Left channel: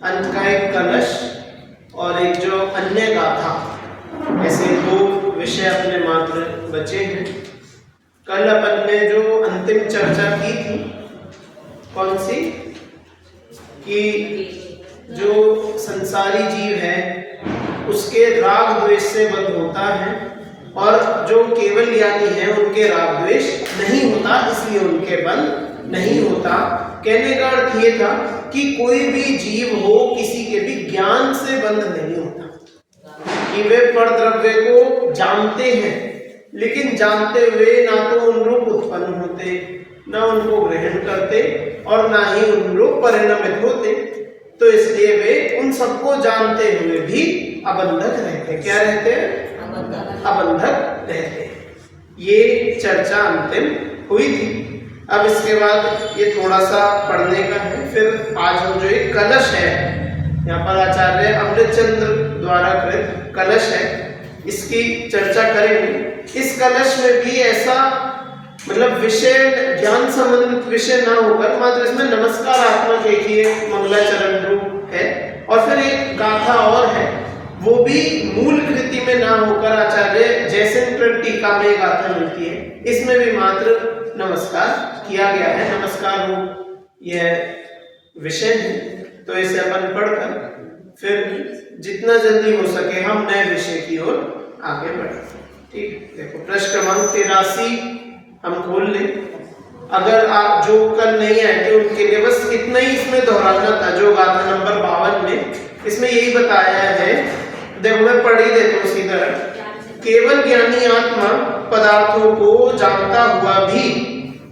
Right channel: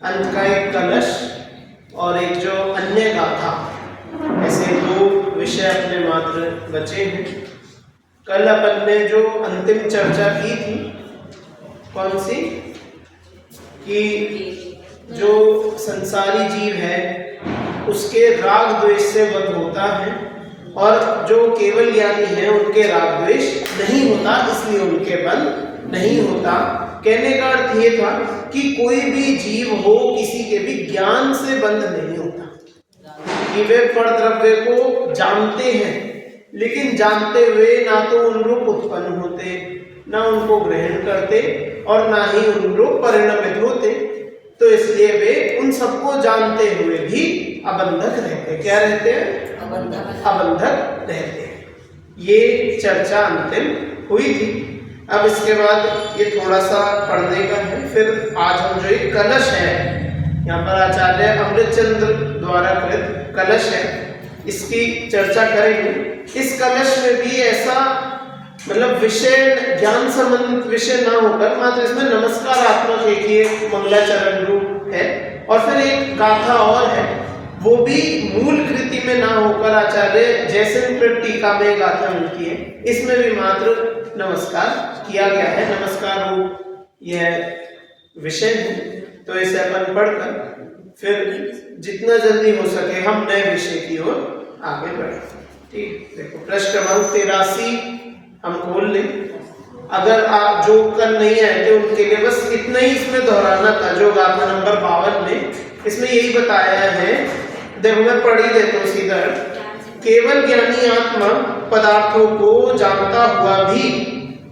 अंत का एक कलश और एक जो अन्य गाथा, ऐसे दो विषय अपने मात्र बचे हैं। कल अपन ने जो अंतिम चर्चा की थी, कौन सी, कि जो संसारी जीव है उसके राग द्वेष से बंध होता है और जो केवल ज्ञानी है उनके राग द्वेष नहीं होता, इसलिए उनके बंध नहीं होता। कहने का अर्थ ये था कि कोई भी जीव हो, किसी के भी ज्ञान से बंध नहीं होता, कि वे परद्रव्य को जानते हैं लेकिन जानते हुए ना तो उन रूप उत्पन्न होते, ना उनको ग्रहण करते और ना ही उन रूप परिणमित होते। तो इसलिए वे उन सबको जानते हुए भी अबंधक रहते। क्या रहते हैं? अबंधक रहते। ये चर्चा अंतिम हुई थी। अब इसके बाद ये थोड़ा सा पढ़ने का है। फिर आज हम जो एक कलश है, यहाँ पर आचार्य अमृतचंद्र द्वारा कृत कलश है, इसकी चर्चा करेंगे। इस कलश में भी ऐसा मतलब विषय, ज्ञान संबंधित विषय ना होकर मात्र इसमें नमस्कारात्मक एक ही मंगलाचरण रूप है और फिर एक गाथा और है, वो भी मूल कृति में ना होकर आचार्य जयशंकर टीका में गाथा मिलती है, इसमें भी मात्र नमस्कार किया गया है। नमस्कार रूप यह विषय है। तो इसे अपन पढ़कर फिर जितना जल्दी हो सके हम नए विषय की ओर आगे बढ़े। ठीक, देखो पृष्ठ क्रमांक 83 हम खोल लें। अगर आप जो कल नहीं आए थे उनके लिए बस इतना ही इसमें दोहराना था, जो गाथा नंबर 52 में इसमें यही बताया है। देखो मैं पढ़ ही देता हूँ सीधा। केवल ज्ञानी आत्मा पदार्थों को जानता हुआ भी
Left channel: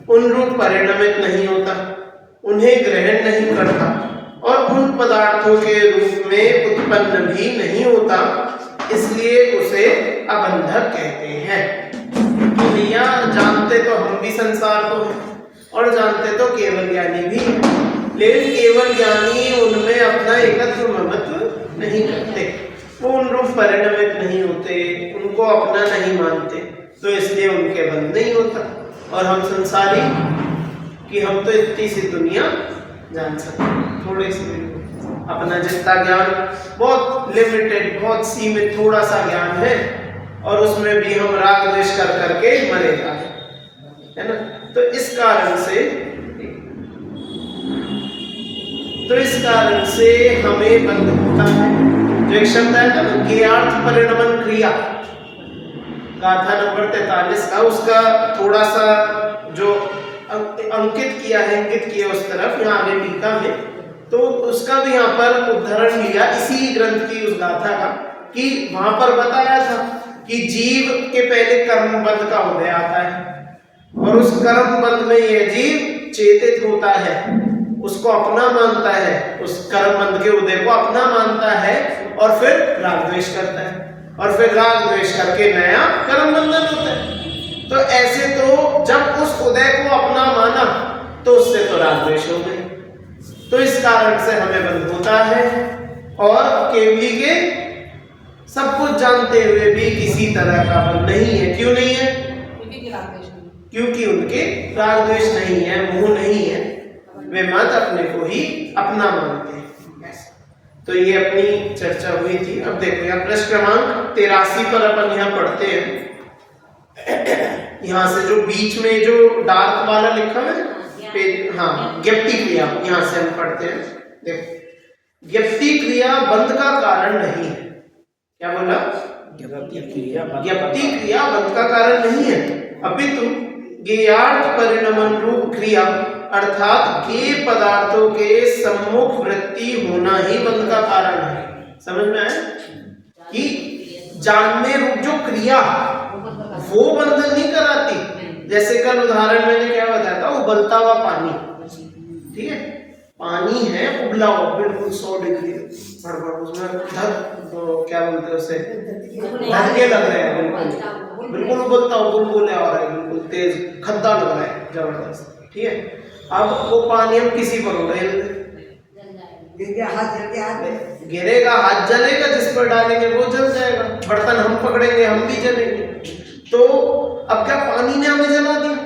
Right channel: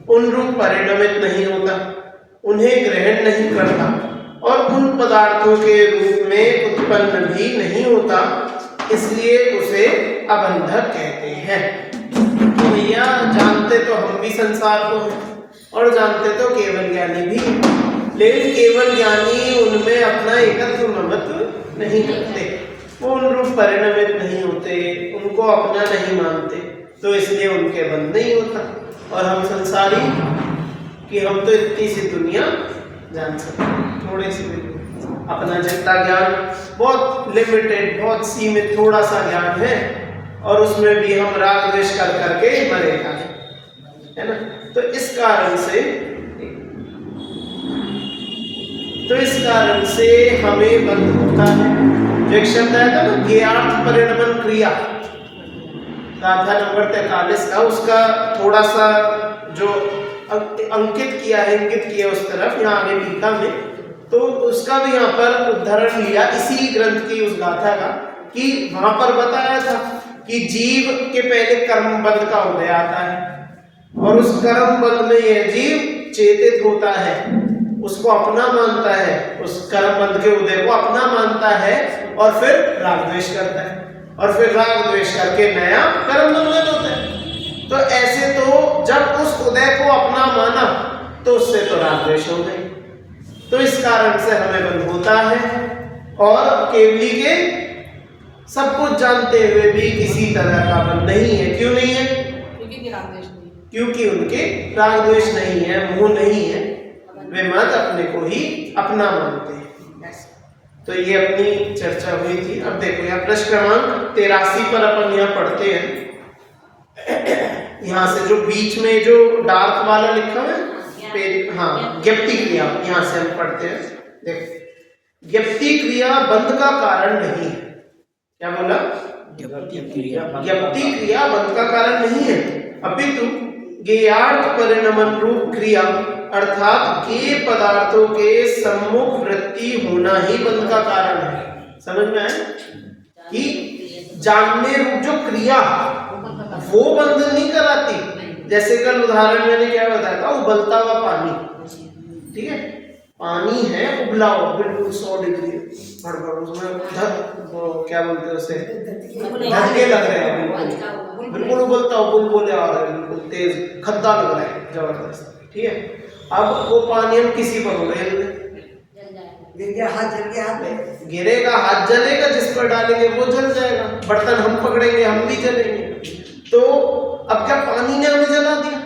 उन रूप परिणमित नहीं होता, उन्हें ग्रहण नहीं करता और उन पदार्थों के रूप में उत्पन्न भी नहीं होता, इसलिए उसे अबंधक कहते हैं। भैया जानते तो हम भी संसार को हैं और जानते तो केवल ज्ञानी भी, लेकिन केवल ज्ञानी उनमें अपना एकत्व ममत्व नहीं करते, वो उन रूप परिणमित नहीं होते, उनको अपना नहीं मानते, तो इसलिए उनके बंध नहीं होता। और हम संसारी कि हम तो इतनी सी दुनिया जान सकते, थोड़े से अपना जितना ज्ञान बहुत लिमिटेड, बहुत सीमित थोड़ा सा ज्ञान है और उसमें भी हम राग द्वेष कर करके मरेगा है ना। तो इस कारण से हमें बंध होता है। जो एक शब्द आया था ना, ज्ञार्थ परिणमन क्रिया, गाथा नंबर 43 का, उसका थोड़ा सा जो अंकित किया है, इंगित किया उस तरफ यहाँ आगे टीका में, तो उसका भी यहाँ पर उदाहरण लिया इसी ग्रंथ की उस गाथा का, कि वहां पर बताया था कि जीव के पहले कर्म बंध का उदय आता है और उस कर्म बंध में यह जीव चेतित होता है, उसको अपना मानता है, उस कर्म बंध के उदय को अपना मानता है और फिर राग द्वेष करता है और फिर राग द्वेष करके नया कर्म बंधन होता है। तो ऐसे तो जब उस उदय को अपना माना तो उससे तो राग द्वेष हो गए। तो इस कारण से हमें बंध होता है और केवली के सब कुछ जानते हुए भी किसी तरह का बंध नहीं है। क्यों नहीं है? क्योंकि उनके राग द्वेष नहीं है, मोह नहीं है, वे मत अपने को ही अपना मानते हैं। तो ये अपनी चर्चा हुई थी। अब देखो यहाँ पृष्ठ क्रमांक 83 पर अपन यहाँ पढ़ते हैं। यहाँ से जो बीच में जो डार्क वाला लिखा है, हाँ, ज्ञप्ति क्रिया, यहाँ से हम पढ़ते हैं। देखो, ज्ञप्ति क्रिया बंध का कारण नहीं है। क्या बोला? ज्ञप्ति क्रिया बंध का कारण नहीं है, अपितु ज्ञेयार्थ परिणमन रूप क्रिया अर्थात ज्ञेय पदार्थों के सम्मुख वृत्ति होना ही बंध का कारण है। समझ में आया कि जानने रूप जो क्रिया वो बंधन नहीं कराती। जैसे कल उदाहरण मैंने क्या बताया था, उबलता हुआ पानी, ठीक है, पानी है उबला हुआ बिल्कुल 100 डिग्री, उसमें क्या बोलते हैं उसे, धक्के लग रहे हैं, बिल्कुल उबलता हुआ बुलबुले आ रहा है, बिल्कुल तेज खद्दा लग रहा है जबरदस्त, ठीक है। अब वो पानी हम किसी पर उड़ेल गिरेगा, हाथ जलेगा, जिस पर डालेंगे वो जल जाएगा, बर्तन हम पकड़ेंगे हम भी जलेंगे। तो अब क्या पानी ने हमें जला दिया?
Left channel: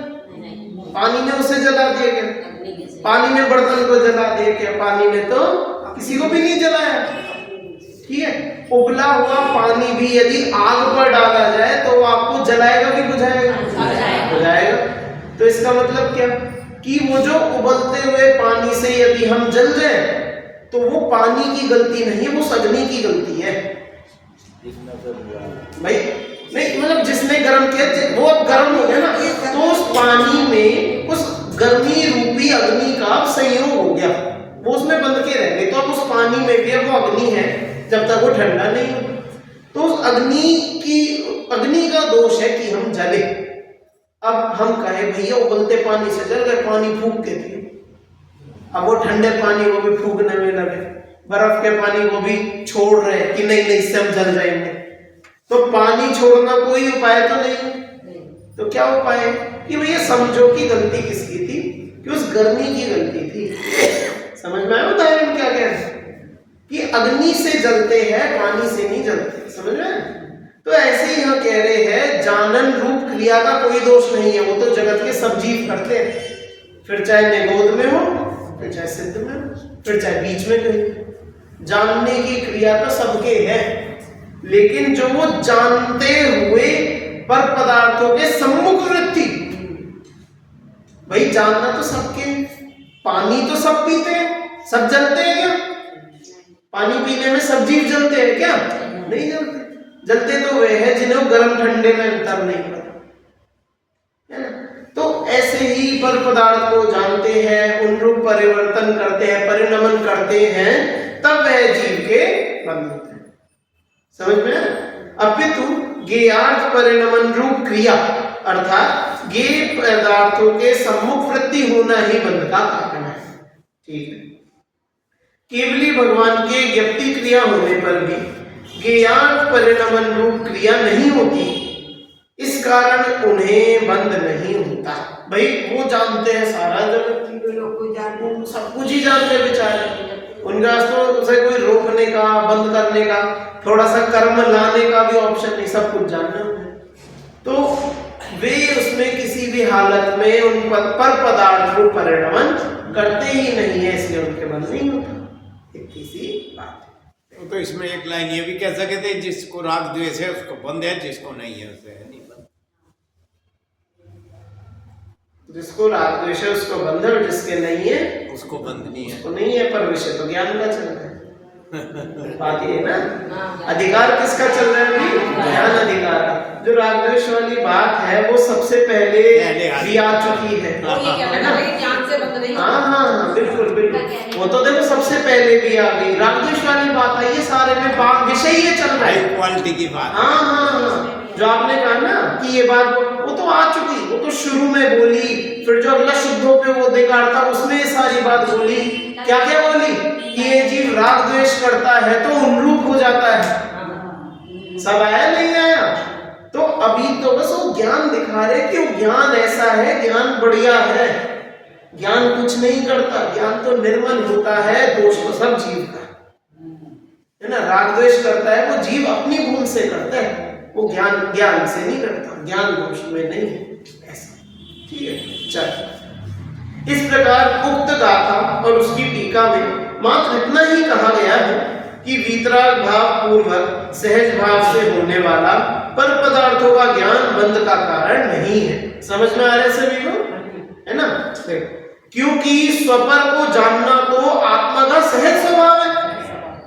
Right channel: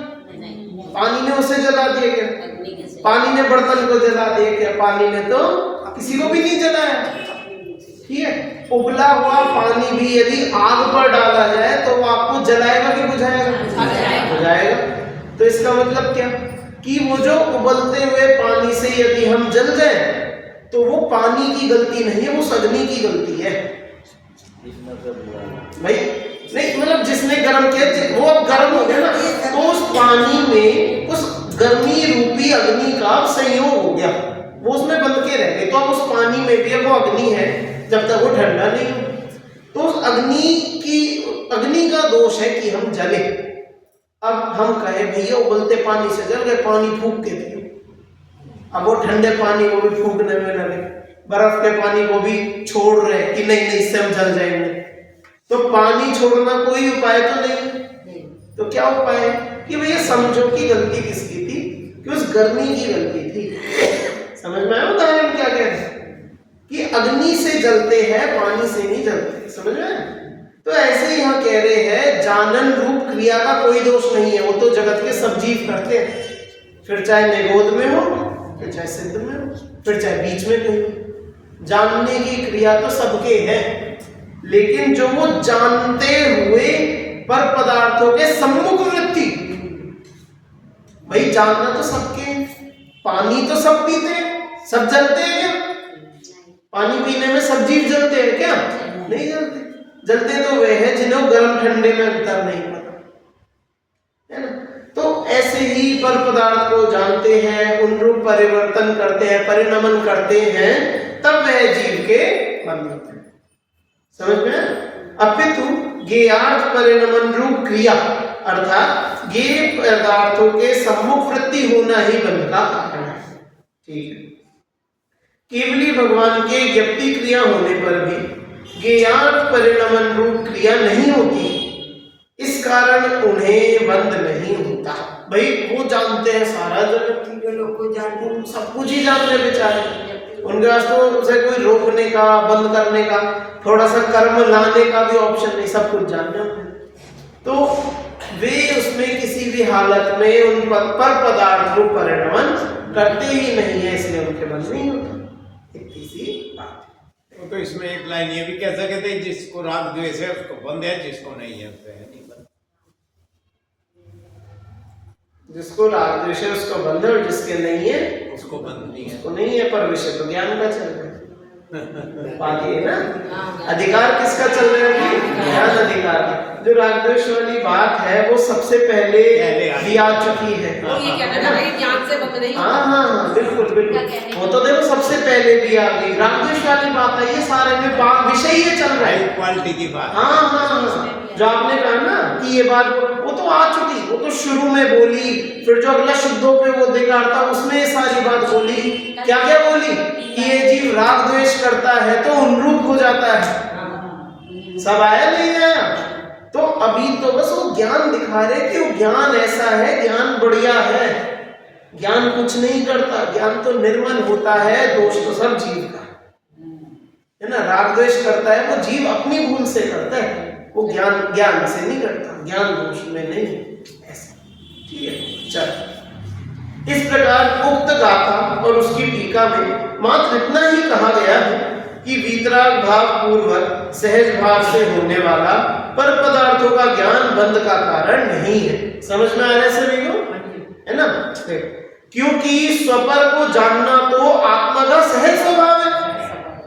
पानी ने उसे जला दिया क्या? पानी ने बर्तन को जला दिया क्या? पानी ने तो किसी को भी नहीं उबला हुआ पानी भी यदि आग पर डाला जाए तो वो आपको जलाएगा कि बुझाएगा? बुझाएगा। तो इसका मतलब क्या कि वो जो उबलते हुए पानी से यदि हम जल जाए तो वो पानी की गलती नहीं है, वो अग्नि की गलती है भाई। नहीं मतलब जिसने गर्म किया वो अब गर्म हो गया ना, तो उस पानी में उस गर्मी रूपी अग्नि का संयोग हो गया, वो उसमें बंद के रह गए। तो अब उस पानी में भी वो अग्नि है जब तक वो ठंडा नहीं हो। तो उस अग्नि का दोष है कि हम जले। अब हम कहे भैया उबलते पानी से जल गए, पानी फूंक के दिए, अब वो ठंडे पानी को भी फूंकने में लगे, बर्फ के पानी को भी छोड़ रहे कि नहीं नहीं इससे हम जल जाएंगे। तो पानी छोड़ना कोई उपाय तो नहीं। तो क्या उपाय है कि भैया समझो कि गलती किसकी थी, कि उस गर्मी की गलती थी। समझ में आया उदाहरण क्या कह रहे हैं कि अग्नि से जलते हैं, पानी से नहीं जलते। समझ में? तो ऐसे ही यहाँ कह रहे हैं जानन रूप क्रिया का कोई दोष नहीं है, वो तो जगत के सब जीव करते हैं, फिर चाहे निगोद में हो, फिर चाहे सिद्ध में हो, फिर चाहे बीच में कहीं। जानने की क्रिया तो सबके है, लेकिन जो वो जानते हुए पर पदार्थों के सम्मुख वृत्ति, भाई जानना तो सबके है। पानी तो सब पीते हैं, सब जलते हैं क्या? पानी पीने में सब जीव जलते हैं क्या? नहीं जलते। जलते तो वे हैं जिन्हें गर्म ठंडे में अंतर नहीं पता है ना। तो ऐसे ही पर पदार्थ को जानते हैं, उन रूप परिवर्तन करते हैं, परिणमन करते हैं, तब वह जीव के बंध होते हैं। समझ में? अपितु ज्ञेयार्थ परिणमन रूप क्रिया अर्थात ज्ञेय पदार्थों के सम्मुख वृत्ति होना ही बंध का कारण है। ठीक है। केवली भगवान के ज्ञप्ति क्रिया होने पर भी ज्ञेयार्थ परिणमन रूप क्रिया नहीं होती, इस कारण उन्हें बंध नहीं होता। भाई वो जानते हैं सारा जगत, सब कुछ ही जानते बेचारे, उनके पास तो उसे कोई रोकने का, बंद करने का, थोड़ा सा कर्म लाने का भी ऑप्शन नहीं, सब कुछ जानना है। तो वे उसमें किसी भी हालत में उन पर पदार्थ को परिणमन करते ही नहीं है, इसलिए उनके मन नहीं होता। इतनी सी बात है। तो इसमें एक लाइन ये भी कह सकते हैं जिसको राग द्वेष है उसको बंद है, जिसको नहीं है उसे नहीं बंद। जिसको राग द्वेष है उसको बंद है, और जिसके नहीं है उसको बंद नहीं है, उसको नहीं है। पर विषय तो ज्ञान का चल रहा है। बात ये ना, अधिकार किसका चल रहा है? ज्ञान अधिकार का। जो राग द्वेष वाली बात है वो सबसे पहले भी आ चुकी है। हाँ बिल्कुल बिल्कुल, वो तो देखो सबसे पहले भी आ गई। राग द्वेष वाली बात आई है, सारे में विषय ये चल रहा है, क्वालिटी की बात। हाँ जो आपने कहा ना कि ये बात वो तो आ चुकी, वो तो शुरू में बोली, फिर जो अगला शुद्धों पे वो देगार था उसमें ये सारी बात बोली। क्या क्या बोली कि ये जीव राग द्वेष करता है तो उन्रूप हो जाता है। सब आया नहीं आया? तो अभी तो बस वो ज्ञान दिखा रहे कि वो ज्ञान ऐसा है, ज्ञान बढ़िया है, ज्ञान कुछ नहीं करता, ज्ञान तो निर्मल होता है, दोष तो सब जीव का है ना। राग द्वेष करता है वो जीव अपनी भूल से करता है, वो ज्ञान से नहीं करता, ज्ञान दोष में नहीं ऐसा। ठीक है, चल। इस प्रकार उक्त गाथा और उसकी टीका में मात्र इतना ही कहा गया है कि वीतराग भाव पूर्वक सहज भाव से होने वाला पर पदार्थों का ज्ञान बंध का कारण नहीं है। समझ में आ रहा है सभी को? है ना? क्योंकि स्वपर को जानना तो आत्मा का सहज स्वभाव है।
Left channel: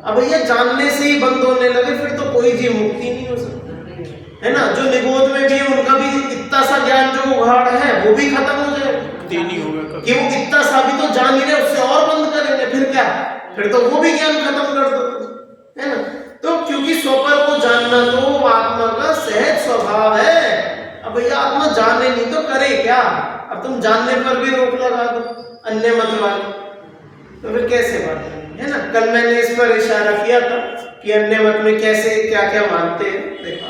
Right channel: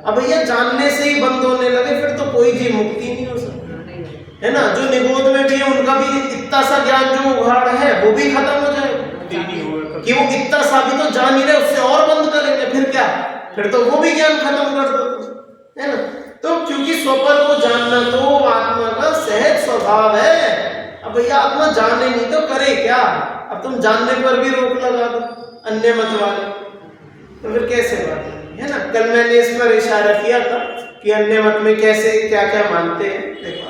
अब भैया जानने से ही बंद होने लगे फिर तो कोई जीव मुक्ति नहीं हो सकती, है ना। जो निगोद में भी है उनका भी इतना सा ज्ञान जो उघाड़ है वो भी खत्म हो जाएगा कि वो इतना सा भी तो जान ही रहे, उससे और बंद करेंगे, फिर क्या, फिर तो वो भी ज्ञान खत्म कर दो, है ना। तो क्योंकि स्वपर को जानना तो आत्मा का सहज स्वभाव है। अब भैया आत्मा जाने नहीं तो करे क्या? अब तुम जानने पर भी रोक लगा दो अन्य मत वाले, तो फिर कैसे बात है ना। कल मैंने इस पर इशारा किया था कि अन्य मत में कैसे क्या क्या मानते हैं, देखा।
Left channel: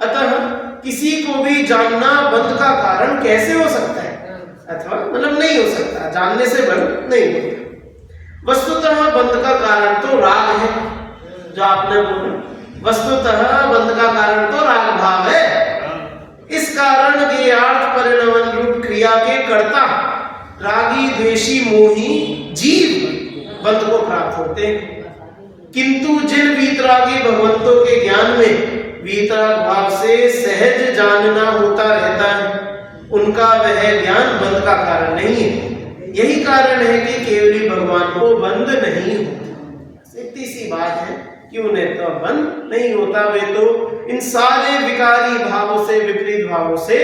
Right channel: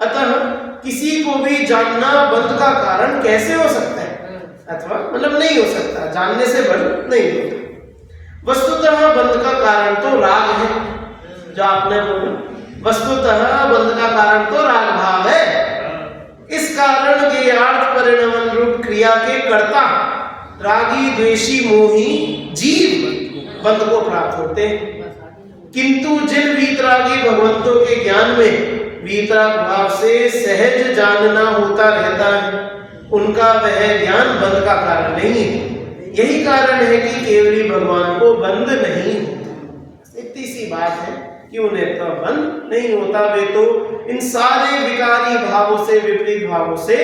अतः किसी को भी जानना बंध का कारण कैसे हो सकता है, अथवा मतलब नहीं हो सकता, जानने से बंध नहीं होता। वस्तुतः बंध का कारण तो राग है, जो आपने बोला, वस्तुतः बंध का कारण तो राग भाव है। इस कारण ज्ञेयार्थ परिणमन रूप क्रिया के कर्ता रागी द्वेषी मोही जीव बंध को प्राप्त होते हैं। किंतु जिन वीतरागी भगवंतों के ज्ञान में वीतराग भाव से सहज जानना होता रहता है, उनका वह ज्ञान बंध का कारण नहीं है। यही कारण है कि केवली भगवान को बंध नहीं होता। इतनी सी बात है कि उन्हें तो बंध नहीं होता, वे तो इन सारे विकारी भावों से, विपरीत भावों से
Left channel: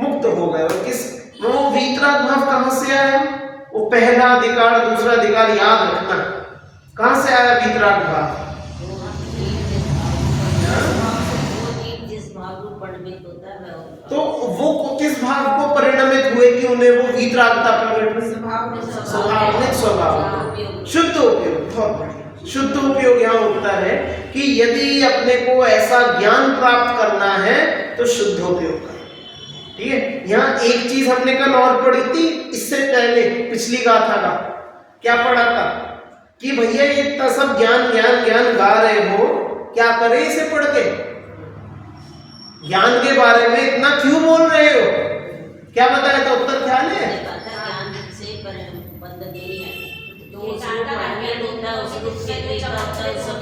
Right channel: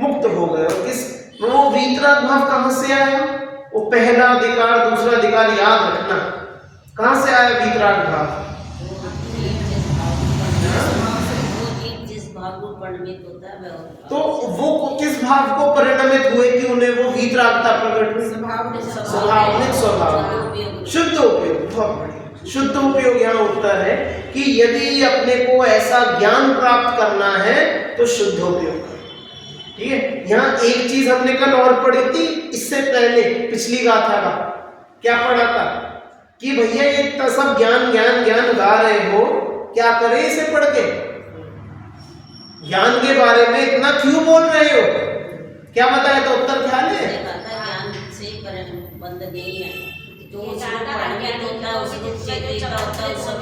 मुक्त हो गए। और किस वो वीतराग भाव कहां से आया? वो पहला अधिकार, दूसरा अधिकार याद रखना। कहां से आया वीतराग भाव? तो वो किस भाव को परिणमित हुए कि उन्हें वो वीतरागता प्रकट हुई? स्वाभाविक स्वभाव, शुद्ध उपयोग। बहुत बढ़िया। शुद्ध उपयोग यहाँ होता है कि यदि अपने को ऐसा ज्ञान प्राप्त करना है तो शुद्ध उपयोग करें। ठीक है, यहाँ एक चीज हमने कल और पढ़ी थी, इससे पहले पिछली गाथा का क्या पढ़ा था कि भैया ये इतना सब ज्ञान ज्ञान ज्ञान गा रहे हो, क्या करें इसे पढ़ के? ज्ञान के बारे में इतना क्यों बोल रहे हो? क्या बताए? तो उत्तर ख्याल है, ज्ञान से बंध नहीं है, जो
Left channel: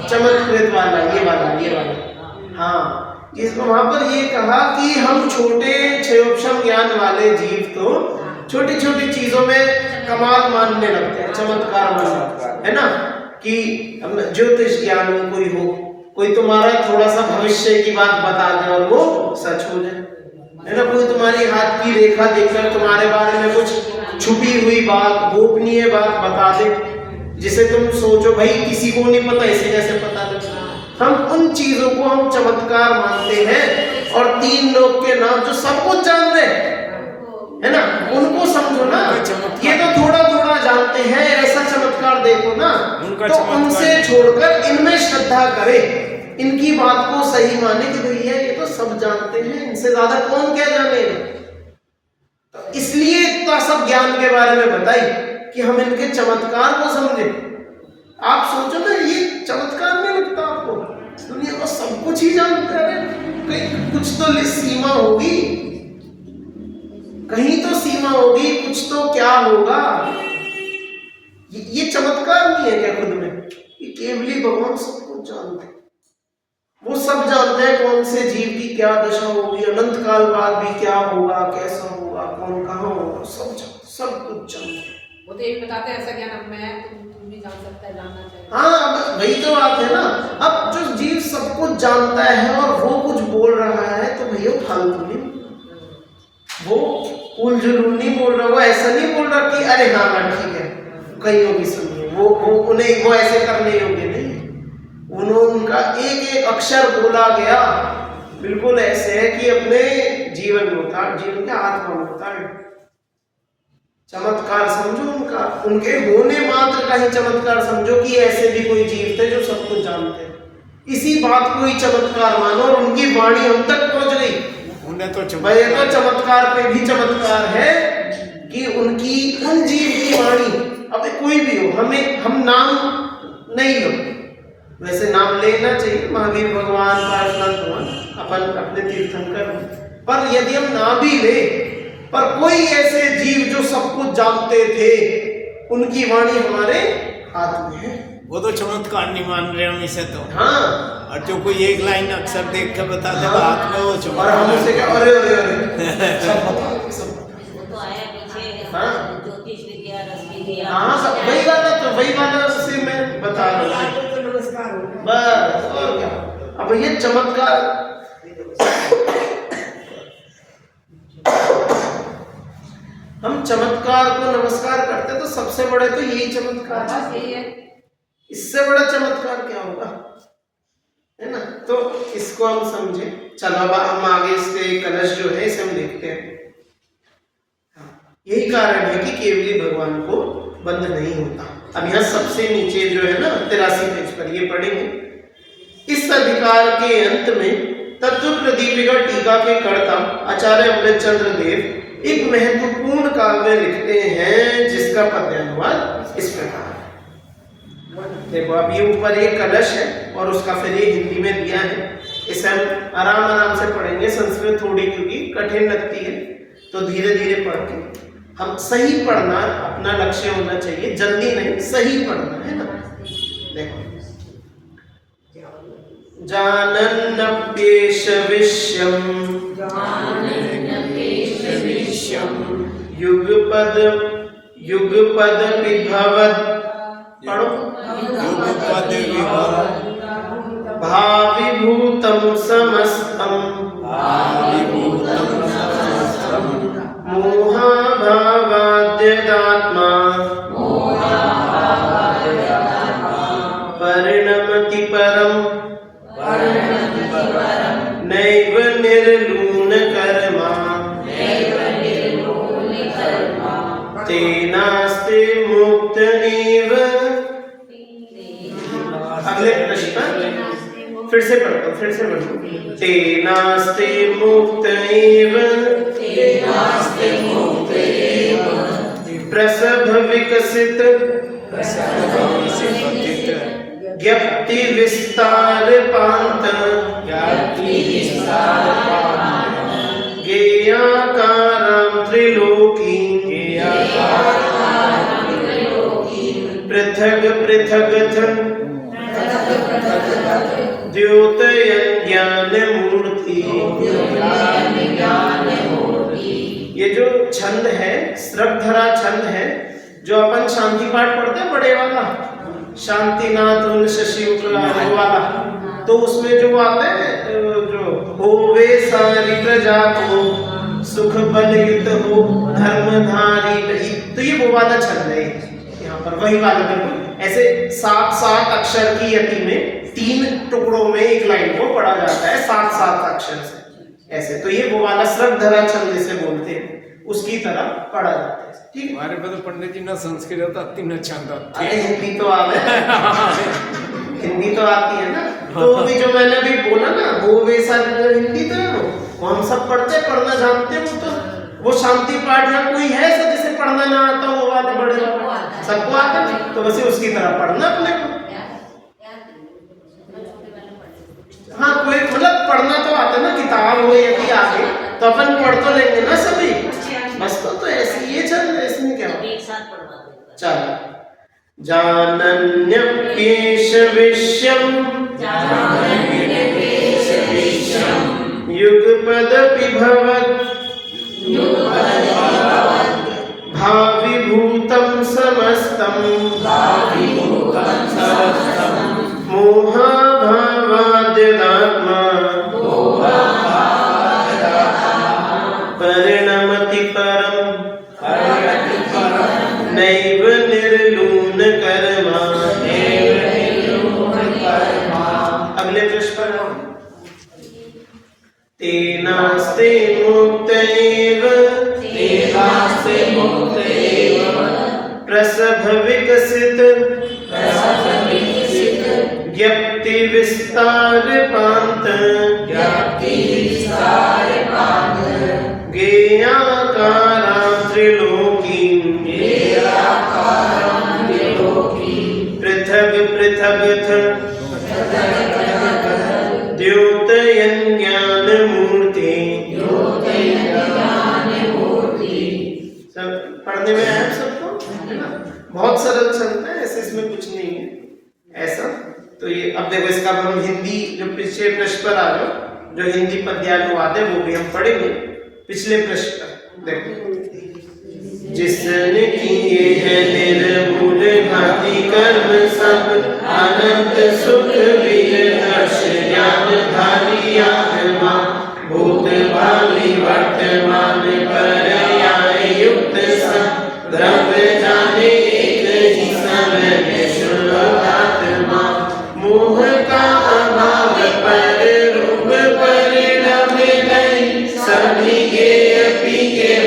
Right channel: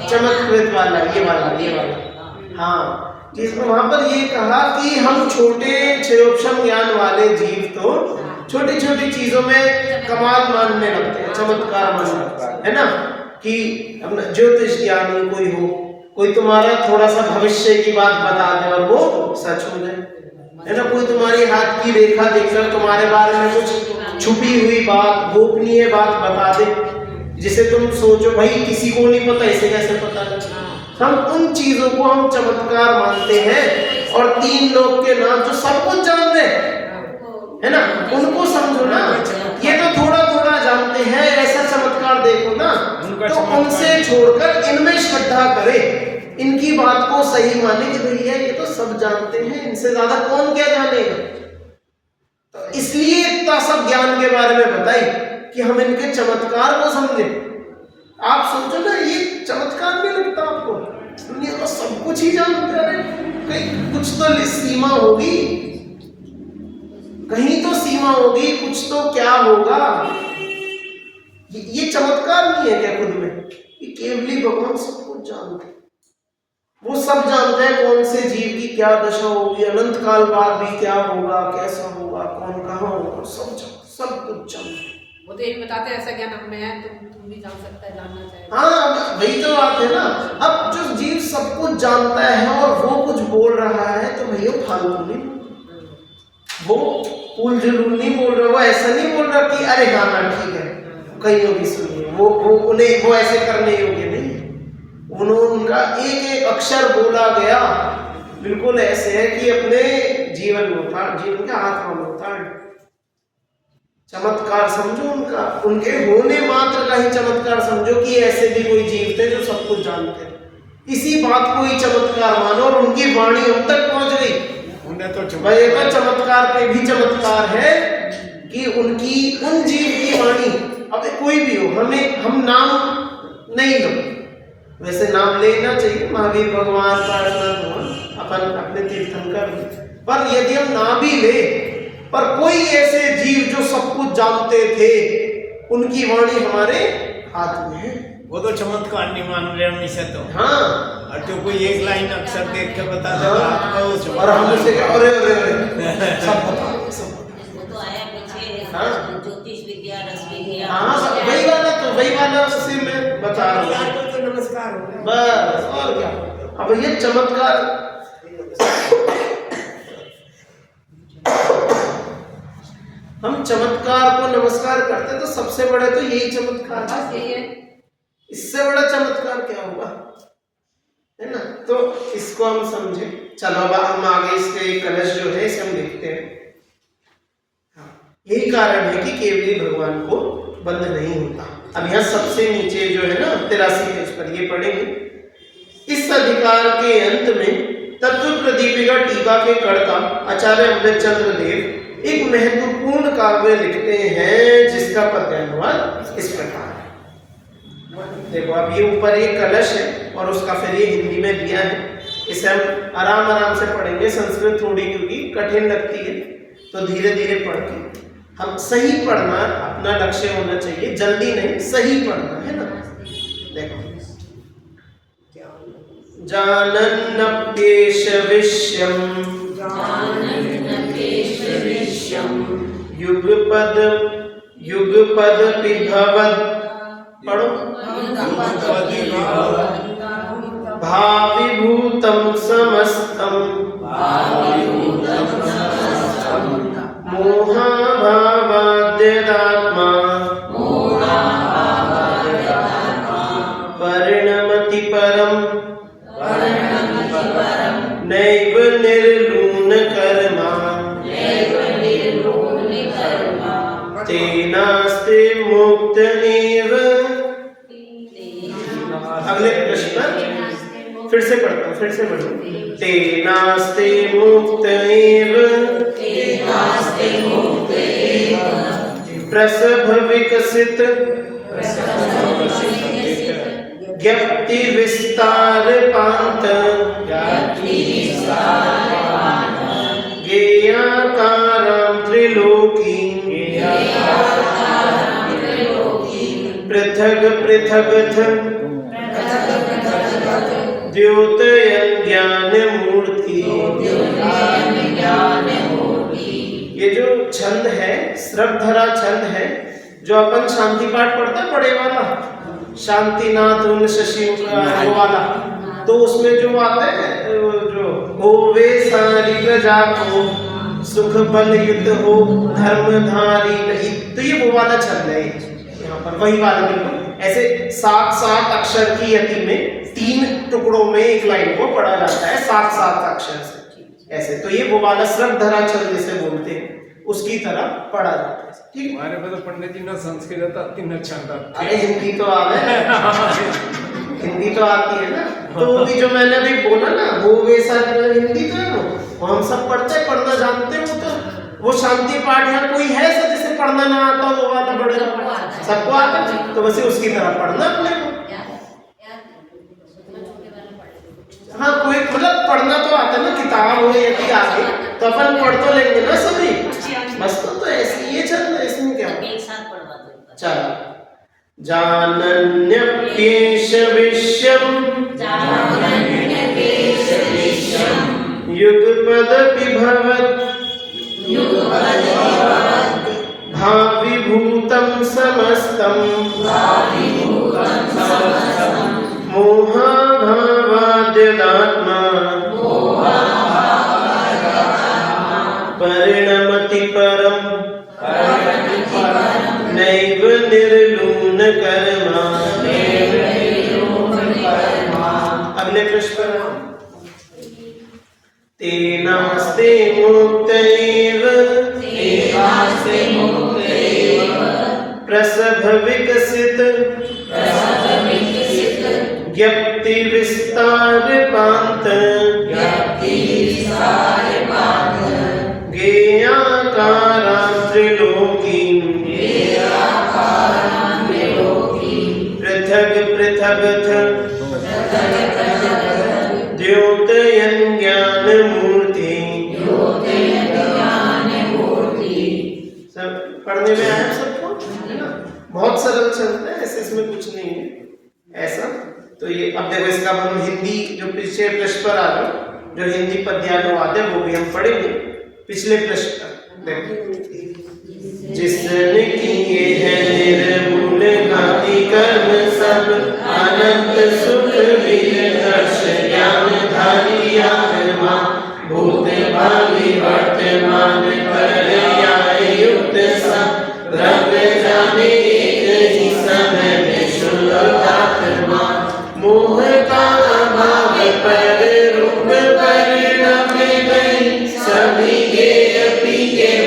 चमत्कृत वाला, ये वाला। हाँ, जिसमें वहां पर ये कहा कि हम छोटे क्षयोपशम ज्ञान वाले जीव तो छोटी छोटी चीजों में कमाल मानने लगते हैं, चमत्कार मानने लगते हैं, है ना? कि ज्योतिष ज्ञानी कोई हो, कोई तुम्हारा थोड़ा सा भविष्य की बात बता दे और वो सच हो जाए, है ना? कोई तुम्हारी हाथ की रेखा देखकर तुम्हारे बारे में कुछ छुपी हुई बात, गोपनीय बात बता दे, जिसे तुम सोचो भाई किसी को नहीं पता, इसे कैसे पता लगा? हम उन चीजों को हम चमत्कार मानते हैं। और तीन लोग के नाम जो सब कुछ जान रहे है ना, उनको समझो ना, ये तो थोड़ा थोड़ा जानते हैं, ऐसा चमत्कार देखो ना, तो उनसे छोड़कर इनमें श्रद्धा करे, इनकी बात को सही माने कि भैया ये तो सब जानते हैं, इनसे ज्यादा कौन क्या जानेगा। तो इसलिए इतना सब ज्ञान के बारे में बताई कि हम इनके चमत्कार को समझे। आप सोचो ना, ये चमत्कार नहीं लगता आपको? दुनिया को सब कुछ ही जानते हैं, कुछ तो सीमा होगी, कहीं तो सीमा होगी, कुछ तो क्या होगा। ये चमत्कार नहीं है क्या खुद में? ये केवली भगवान सब कुछ जानते हैं, वो सब जानते हैं कौन से जीव की क्या दशा होगी, अनंत काल बाद भी क्या होगा, कैसा होगा, कौन कहाँ होगा, सब कुछ जानते हैं। वो तो एक बताते हैं ऐसा ज्ञान हम में है, तुम भी जान सकता है, जानना चाहिए। हाँ, अब वही तो बात है ना। अब जो जीव सब कुछ जानता है और वो कुछ बोल रहा है तो भैया फालतू नहीं, वो उल जुलूल नहीं बोल रहा, वो ऐसा नहीं बोल रहा कि अरे हाँ ना ठीक है कहीं भी सुनिए, वो उन्हें वो ऐसे करने योग्य नहीं। उनका एक एक अक्षर बोला गया बिल्कुल ऐसे है कि अपने जीवन में उतार, जीवन के आत्मा में उतार। चमत्कार समझो उनका, उनके होने मात्र का ही चमत्कार समझो कि ऐसे भी कोई जीव थे जो सब कुछ जानते हैं। इसी बात को ही चमत्कार मानो और उनकी वाणी हम तक पहुंच गई। उन्हें तो ये तो चमत्कार पे भी चमत्कार है कि उनकी उन जीव की वाणी, अब कोई भी हो, हम नाम नहीं लो, वैसे नाम लेना चाहिए, महावीर भगवान, पार्श्वनाथ भगवान, अपन अपने तीर्थंकर, पर यदि हम ना भी ले, पर कोई ऐसे जीव जो सब कुछ जानते थे, उनकी वाणी हमारे हाथ में है, वो तो चमत्कार नहीं मान रहे हम इसे तो। हाँ, और जो कोई एक लाइन अक्षर देख के बता दे आत्मा, वो चमत्कार। और हम उसे क्या, अरे सब बता, सब वो तो आया पीछे, हाँ? ज्योतिष विद्या, रस विद्या, हाँ, वही वाला से मैं बता रहा हूँ। नमस्कार बस, और क्या। अब ये चमत्कार, हम चमत्कार को नमस्कार करते तो सबसे बड़े तो यही चमत्कार है, इससे बड़ा चमत्कार क्या होगा, है ना? तो इसको हम समझे। चलो अब हम आगे इसके कलश जो है इसे हम देखते हैं। यही कारण है कि केवली भगवान को बंध नहीं होता। अब यहाँ सबसे नीचे जो है ना 83 पेज पर ये पढ़ेंगे। इस अधिकार के अंत में तत्व प्रदीपिका टीका के कर्ता आचार्य अमृतचंद्र देव एक महत्वपूर्ण काव्य लिखते हैं जिसका पद्यानुवाद इस प्रकार है। देखो अब ये ऊपर एक कलश है और उसका फिर ये हिंदी में दिया है, इसे हम आराम से पढ़ेंगे। संस्कृत थोड़ी क्योंकि कठिन लगती है तो धीरे धीरे पढ़ के हम सही पढ़ना अपना लक्ष्य होना चाहिए, जल्दी नहीं, सही पढ़ना है ना। देखो जानन्नप्येष विश्यम् युगपद युगपद पिभवत् पढ़ो भाविभूतं समस्तं मोहाभावाद्यदात्मा परिणमति परम् नैव निर्लूनकर्मा तेनास्ते मुक्त एव। अगले प्रश्न फिर से पढ़ता हूँ, फिर से पढ़ो। तेनास्ते मुक्त एव प्रसभ विकसित ज्ञप्ति विस्तार पांत गेयाकारं त्रिलोकी पृथग पृथगथ द्योतयन् ज्ञान मूर्ति। ये जो छंद है श्रद्धरा छंद है, जो अपन शांति पाठ पढ़ते हैं बड़े वाला, शांतिनाथ उन शशि वो वाला, तो उसमें जो आता है जो होवे सारी प्रजा को सुख बल युत हो धर्मधारी नहीं, तो ये वो वाला छंद है यहाँ पर, वही वाला बिल्कुल ऐसे 7-7 अक्षर की यति में 3 टुकड़ों में एक लाइन को पढ़ा जाता है 7-7 अक्षर से ऐसे, तो ये वो वाला श्रद्धरा छंद जिसे बोलते हैं उसकी तरह पढ़ा जाता है। ठीक है, हमारे बदल पढ़ने की ना संस्कृत आती ना छंद आती। अरे हिंदी तो आवे हिंदी तो आती है ना, तो भी जो मैंने अभी बोला ना वो वैसा हिंदी तो है, वो हम सब पढ़ते पढ़ना जानते हो, तो वो शांति पाठ या कोई है ऐसा जिसे पढ़ना ना आता वो वाला बड़े सबको आता है, तो वैसे उसकी तरह पढ़ना अपने को। हाँ कोई मतलब पढ़ना तो आता ना, किताब हो यदि आगे तो अपन पढ़ तो लेंगे ना सभी, बस तो ऐसे ये चल रहा है, इसमें क्या एक साथ पढ़वा दो। चलो जानन्यप्येष विश्यम् युगपद पिभवत् भाविभूतं समस्तं मोहाभावाद्यदात्मा परिणमति परम् नैव निर्लूनकर्मा। अगले प्रश्न पर तेनास्ते मुक्त एव प्रसभ विकसित ज्ञप्ति विस्तार पांत गेयाकारं त्रिलोकी पृथग पृथगथ द्योतयन् ज्ञान मूर्ति। सब पढ़ने में आया सबको, है ना? बहुत सरल छंद है, ऐसे इसमें कुछ नहीं है ऐसा। तो ये अब देखो इसका हम हिंदी जो पिछले प्रश्न पर आ जाओ, जो हिंदी पद्यानुवाद है वो भी हम पढ़ेंगे। पिछले प्रश्न पर देखो, जिसने किए हैं निर्मूल घाती कर्म सब अनंत सुख वीर दर्श ज्ञान धारी आत्मा भूत भावी वर्तमान पर्याय युक्त सब द्रव्य जाने एक ही समय में शुभ आत्मा मोह का अभाव पर रूप परिणाम नहीं सभी के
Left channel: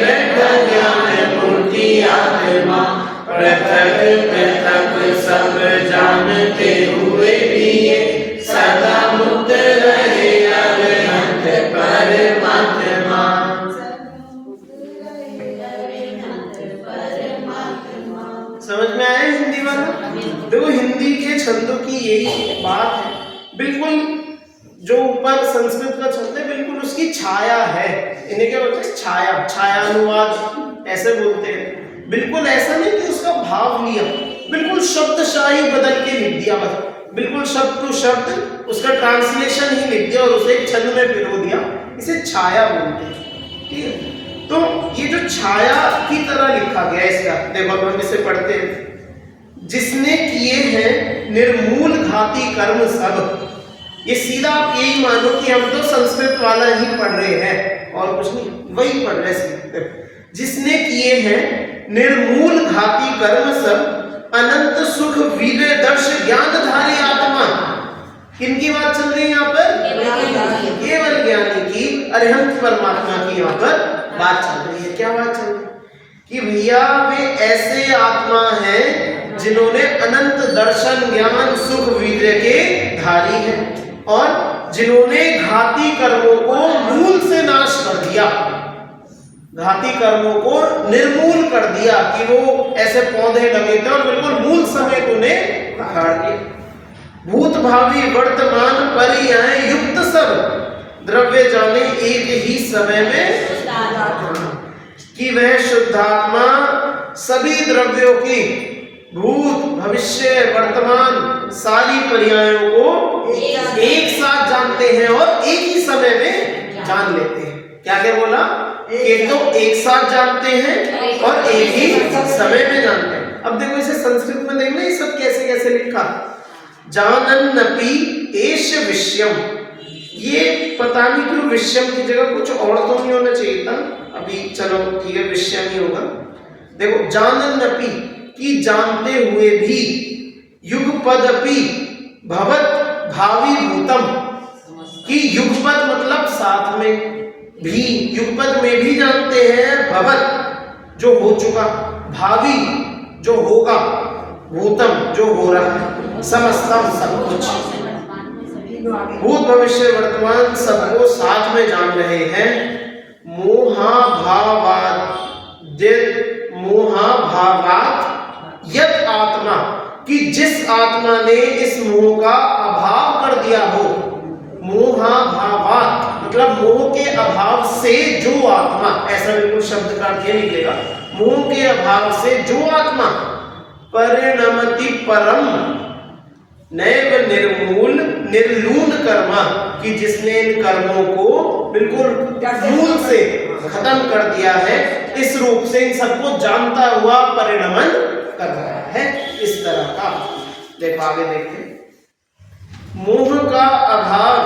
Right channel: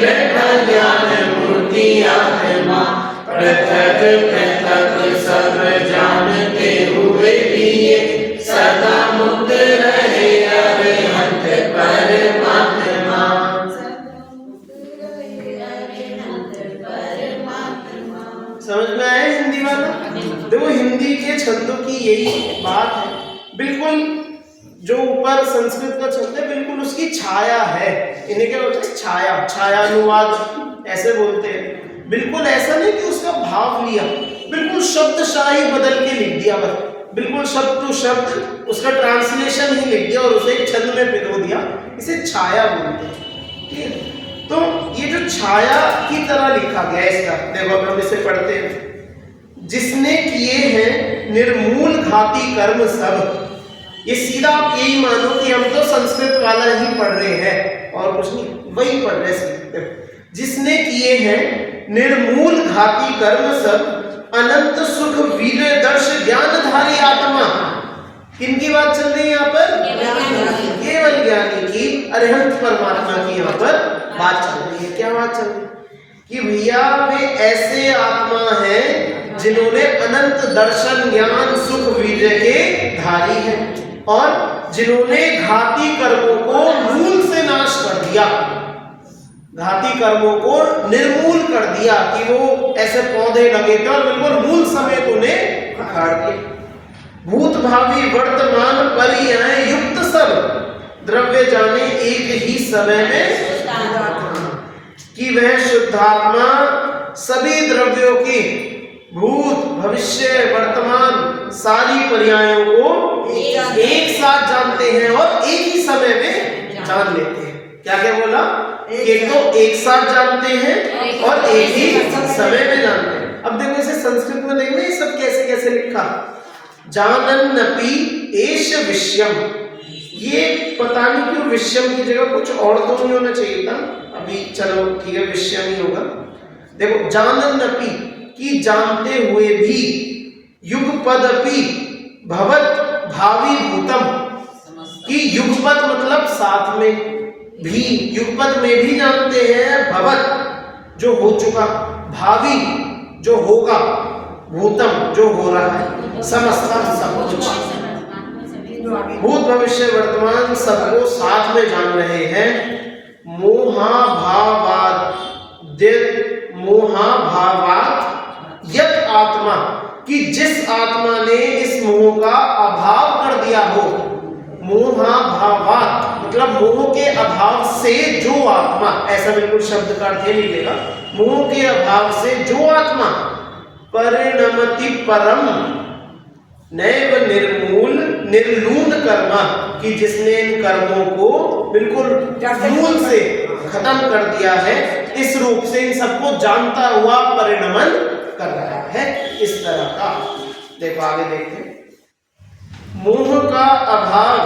बैठा ज्ञान मूर्ति आत्मा पृथक पृथक सब जानते हुए भी ये सदा मुक्त रहे अरिहंत परमात्मा। समझ में आया हिंदी वाला? देखो हिंदी के छंदों की यही बात है, बिल्कुल जो ऊपर संस्कृत का छंद है बिल्कुल उसकी छाया है, इन्हें क्या बोलते हैं छाया, छायानुवाद ऐसे बोलते हैं। बिल्कुल ऐसा नहीं कि उसका भाव लिया, बिल्कुल शब्दशाही बदल के लिख दिया, बस बिल्कुल शब्द टू शब्द उसका ट्रांसलेशन ही लिख दिया और उसे एक छंद में पिरो दिया। इसे छाया बोलते हैं, ठीक है। तो ये जो छाया की तरह लिखा गया है इसका, देखो हम इसे पढ़ते हैं। जिसने किए हैं निर्मूल घाती कर्म सब, ये सीधा आप यही मानो कि हम तो संस्कृत वाला ही पढ़ रहे हैं और कुछ नहीं, वही पढ़ रहे हैं। जिसने किए हैं निर्मूल घाती कर्म सब, अनंत सुख वीर्य दर्श ज्ञानधारी आत्मा। किनकी बात चल रही है यहाँ पर? केवल ज्ञानी की, अरिहंत परमात्मा की यहाँ पर बात चल रही है। क्या बात चल रही है? कि भैया वे ऐसे आत्मा हैं जिन्होंने अनंत दर्शन ज्ञान सुख वीर्य के धारी हैं और जिन्होंने घाती कर्मों को मूल से नाश कर दिया, घाती कर्मों को निर्मूल कर दिया कि वो ऐसे पौधे लगे थे और बिल्कुल मूल समेत उन्हें उखाड़ दिया। भूत भावी वर्तमान परियाएं युक्त सब द्रव्य जाने एक ही समय में, कि वह शुद्धात्मा सभी द्रव्यों की भूत भविष्य वर्तमान सारी पर्यायों को एक साथ जानते हैं और एक ही समय में जान लेते हैं। क्या क्या बोला? एक तो एक साथ जानते हैं और एक ही समय में जानते हैं। अब देखो इसे संस्कृत में देखना ये सब कैसे कैसे लिखा। जानन्नपि एष विषयम, ये पता नहीं क्यों विषयम की जगह कुछ और तो नहीं होना चाहिए था, अभी चलो ठीक है विषयम ही होगा। देखो जानन्नपि की जानते हुए भी, युगपदपि भवत भावी भूतम की युगपद मतलब साथ में भी, युगपद में भी जानते हैं, भवत जो हो चुका, भावी जो होगा, भूतम जो हो रहा है, समस्तम सब कुछ, भूत भविष्य वर्तमान सबको साथ में जान रहे हैं। मोहाभावात यत आत्मा, कि जिस आत्मा ने इस मोह का अभाव कर दिया हो, मोहाभावात मतलब मोह के अभाव से जो आत्मा, ऐसा बिल्कुल शब्द का अर्थ निकलेगा, मोह के अभाव से जो आत्मा परिणमति परम नैव निर्मूल निर्लून कर्मा, कि जिसने इन कर्मों को बिल्कुल मूल से खत्म कर दिया है, इस रूप से इन सबको जानता हुआ परिणमन कर रहा है। इस तरह का देखो आगे देखते हैं। मोह का अभाव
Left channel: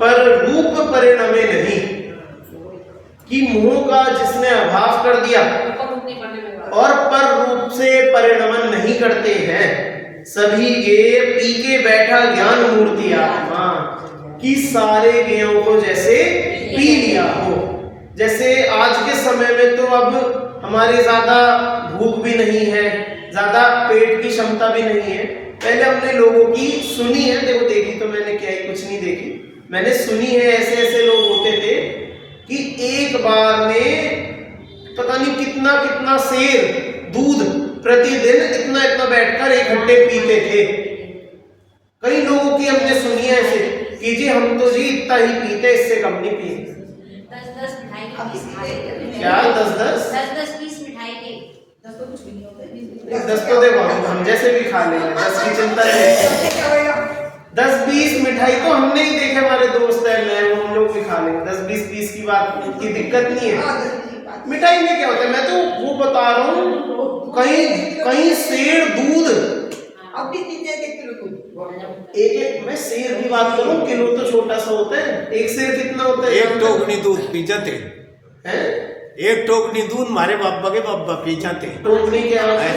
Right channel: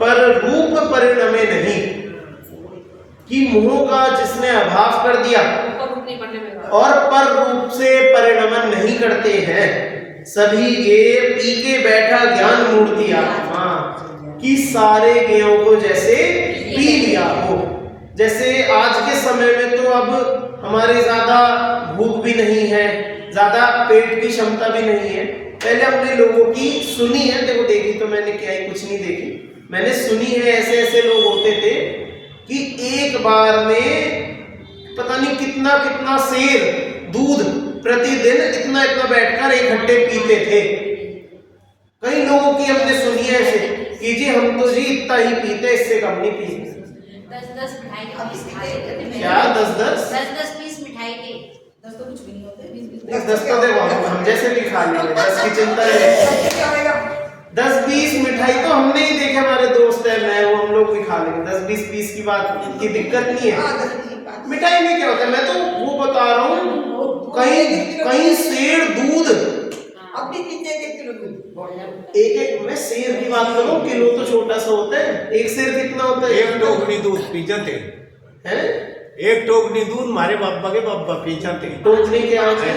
पर रूप परिणमे नहीं, कि मोह का जिसने अभाव कर दिया और पर रूप से परिणमन नहीं करते हैं, सभी गे पी के बैठा ज्ञान मूर्ति आत्मा, कि सारे गेयों को जैसे पी लिया हो। जैसे आज के समय में तो अब हमारे ज्यादा भूख भी नहीं है, ज्यादा पेट की क्षमता भी नहीं है। पहले हमने लोगों की सुनी है, देखो देखी तो मैंने क्या ही कुछ नहीं देखी, मैंने सुनी है ऐसे ऐसे लोग होते थे कि एक बार में पता नहीं कितना कितना सेर दूध प्रतिदिन इतना इतना बैठकर एक घंटे पीते थे। कई लोगों की हमने सुनी है ऐसे कि जी हम तो जी इतना ही पीते, इससे कम नहीं पीते। 10-10 मिठाई क्या 10-10 पीस मिठाई के 10 तो कुछ भी नहीं होते, 10 तो देखो हम जैसे भी खा लेंगे, 10 की चिंता है। 10-20 मिठाई तो हमने ही देखे, हमारे दोस्त है मैं वो हम लोग भी खा लेंगे। 10-20 पीस की बात की दिक्कत नहीं है। मिठाई में क्या होता है, मैं तो वो बता रहा हूँ, कहीं सेर दूध अब भी पीते हैं किलो दूध, एक मैं सेर की बात करूं, किलो तो छोटा सा होता है, एक सेर कितना होता है? एक टोकनी दूध पी जाते हैं, एक टोकनी दूध हमारे बाबा के बाबा पी जाते। टोकनी क्या है?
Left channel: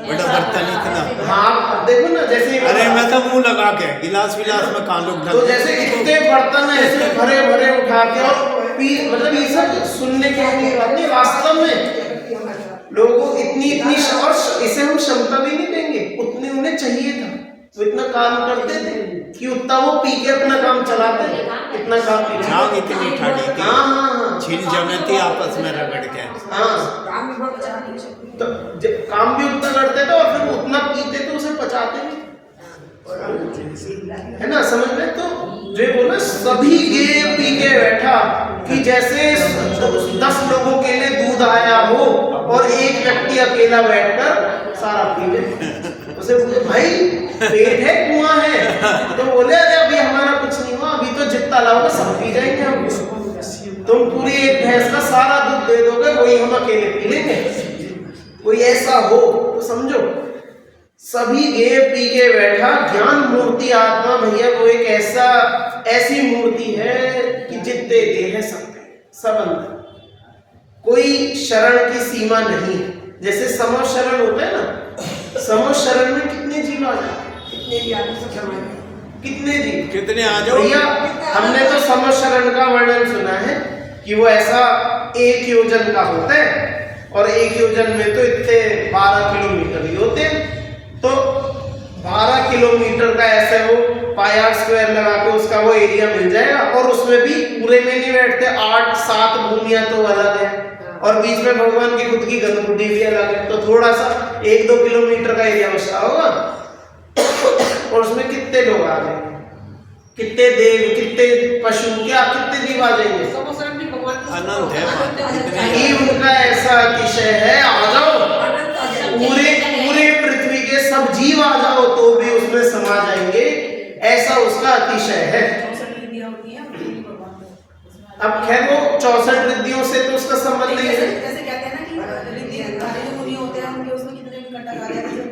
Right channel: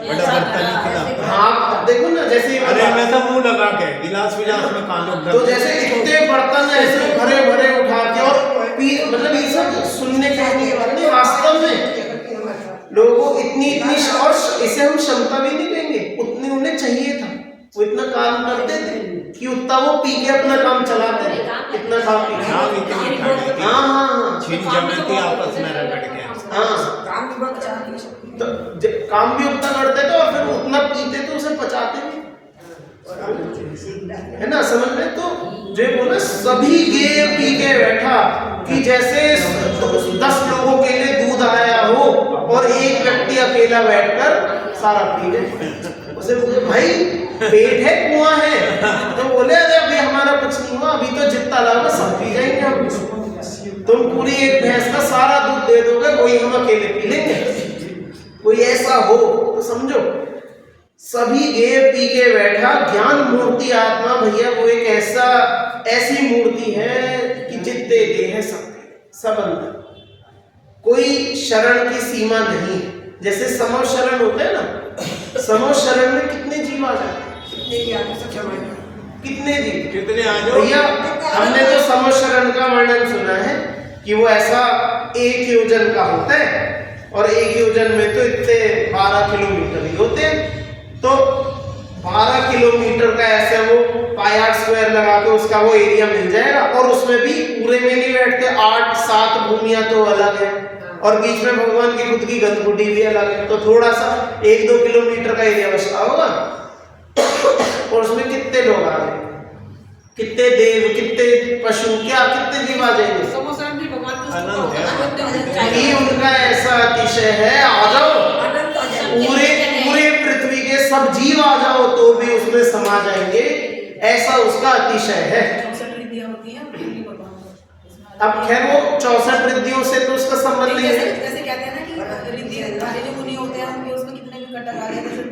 बड़ा बर्तन इतना। हाँ देखो ना, जैसे अरे मैं तो मुंह लगा के गिलास विलास में कहाँ लोग, तो जैसे इतने बर्तन ऐसे भरे भरे उठा के और पी, मतलब ये सब सुनने के की बात नहीं, वास्तव में लोगों इतनी और इसे हम क्षमता भी नहीं देंगे, उतनी उन्हें चाहिए था, वो इतना काम करते थे कि उतना वो पी के अपना काम चलाते थे, इतना खा पी के। हाँ छीन जमती आपस में रगड़ के। हाँ तो काम भी उतना करते थे और फिर उतना पीते थे, उसे पचाते थे, है ना, समझ में? तो जो बोला सभी गे पी के बैठा, कि जैसे 10 लोगों के लिए दूध आया हो और एक व्यक्ति अकेला बैठकर सारा पी ले। उसे बोले भाई पेट है कुआं है। तो बोले अरे अभी हमारा कुछ नहीं हुआ, अभी तो जितना लाओगे सब पी जाएंगे हम। तुम पूरी एक भैंस का सारा दूध दे दोगे, कोई हम अकेले पी लेंगे। कोई ऐसा हो तो समझो सभी गे पी के बैठा। ज्ञान मूर्ति आत्मा भैया वो एक ऐसी मूर्ति है कि जितने गे है सब अंदर, कोई शरण की सीमा नहीं है। जैसे समो शरण होता है ना, समो शरण में कितने जीव आ जाते हैं, कितने जीव, कितने आ जाओ भैया। हमने तो समो शरण का वर्णन सुना है कि वो ऐसा 1 योजन का होता है, और 1 योजन में तो इतने 12 किलोमीटर ही होते हैं। तो 12 किलोमीटर का ऐसे वो पाई स्क्वायर लगा के उसका वो एरिया मिल जाएगा, और उसमें भी पूरे में नहीं बैठते, 8-7 भूमियां तो अलग है, और बीच में भगवान की खुद की गंदगुड्डी भी अलग है। तो थोड़ा सा 1-2 किलोमीटर का एरिया बचा होगा, और उसमें कितने लोग आ जाएंगे, कितने देव, कितने पशु, क्या कितने जीव आ जाएंगे। अनंत है। कि उनका ऐसा अतिशय है, आ जाओ पूरे पृथ्वी के सब जीव आ जाओ तो भी उसमें समा जाएंगे, ऐसा उसका अतिशय है। अब खैर वो 64 रिद्धियों से तो उसका संबंध नहीं है। जैसे कहते हैं ना कि रिद्धि ऋषि मुनि होते हैं, उनके उसमें कितने भी घटक आ जाते हैं,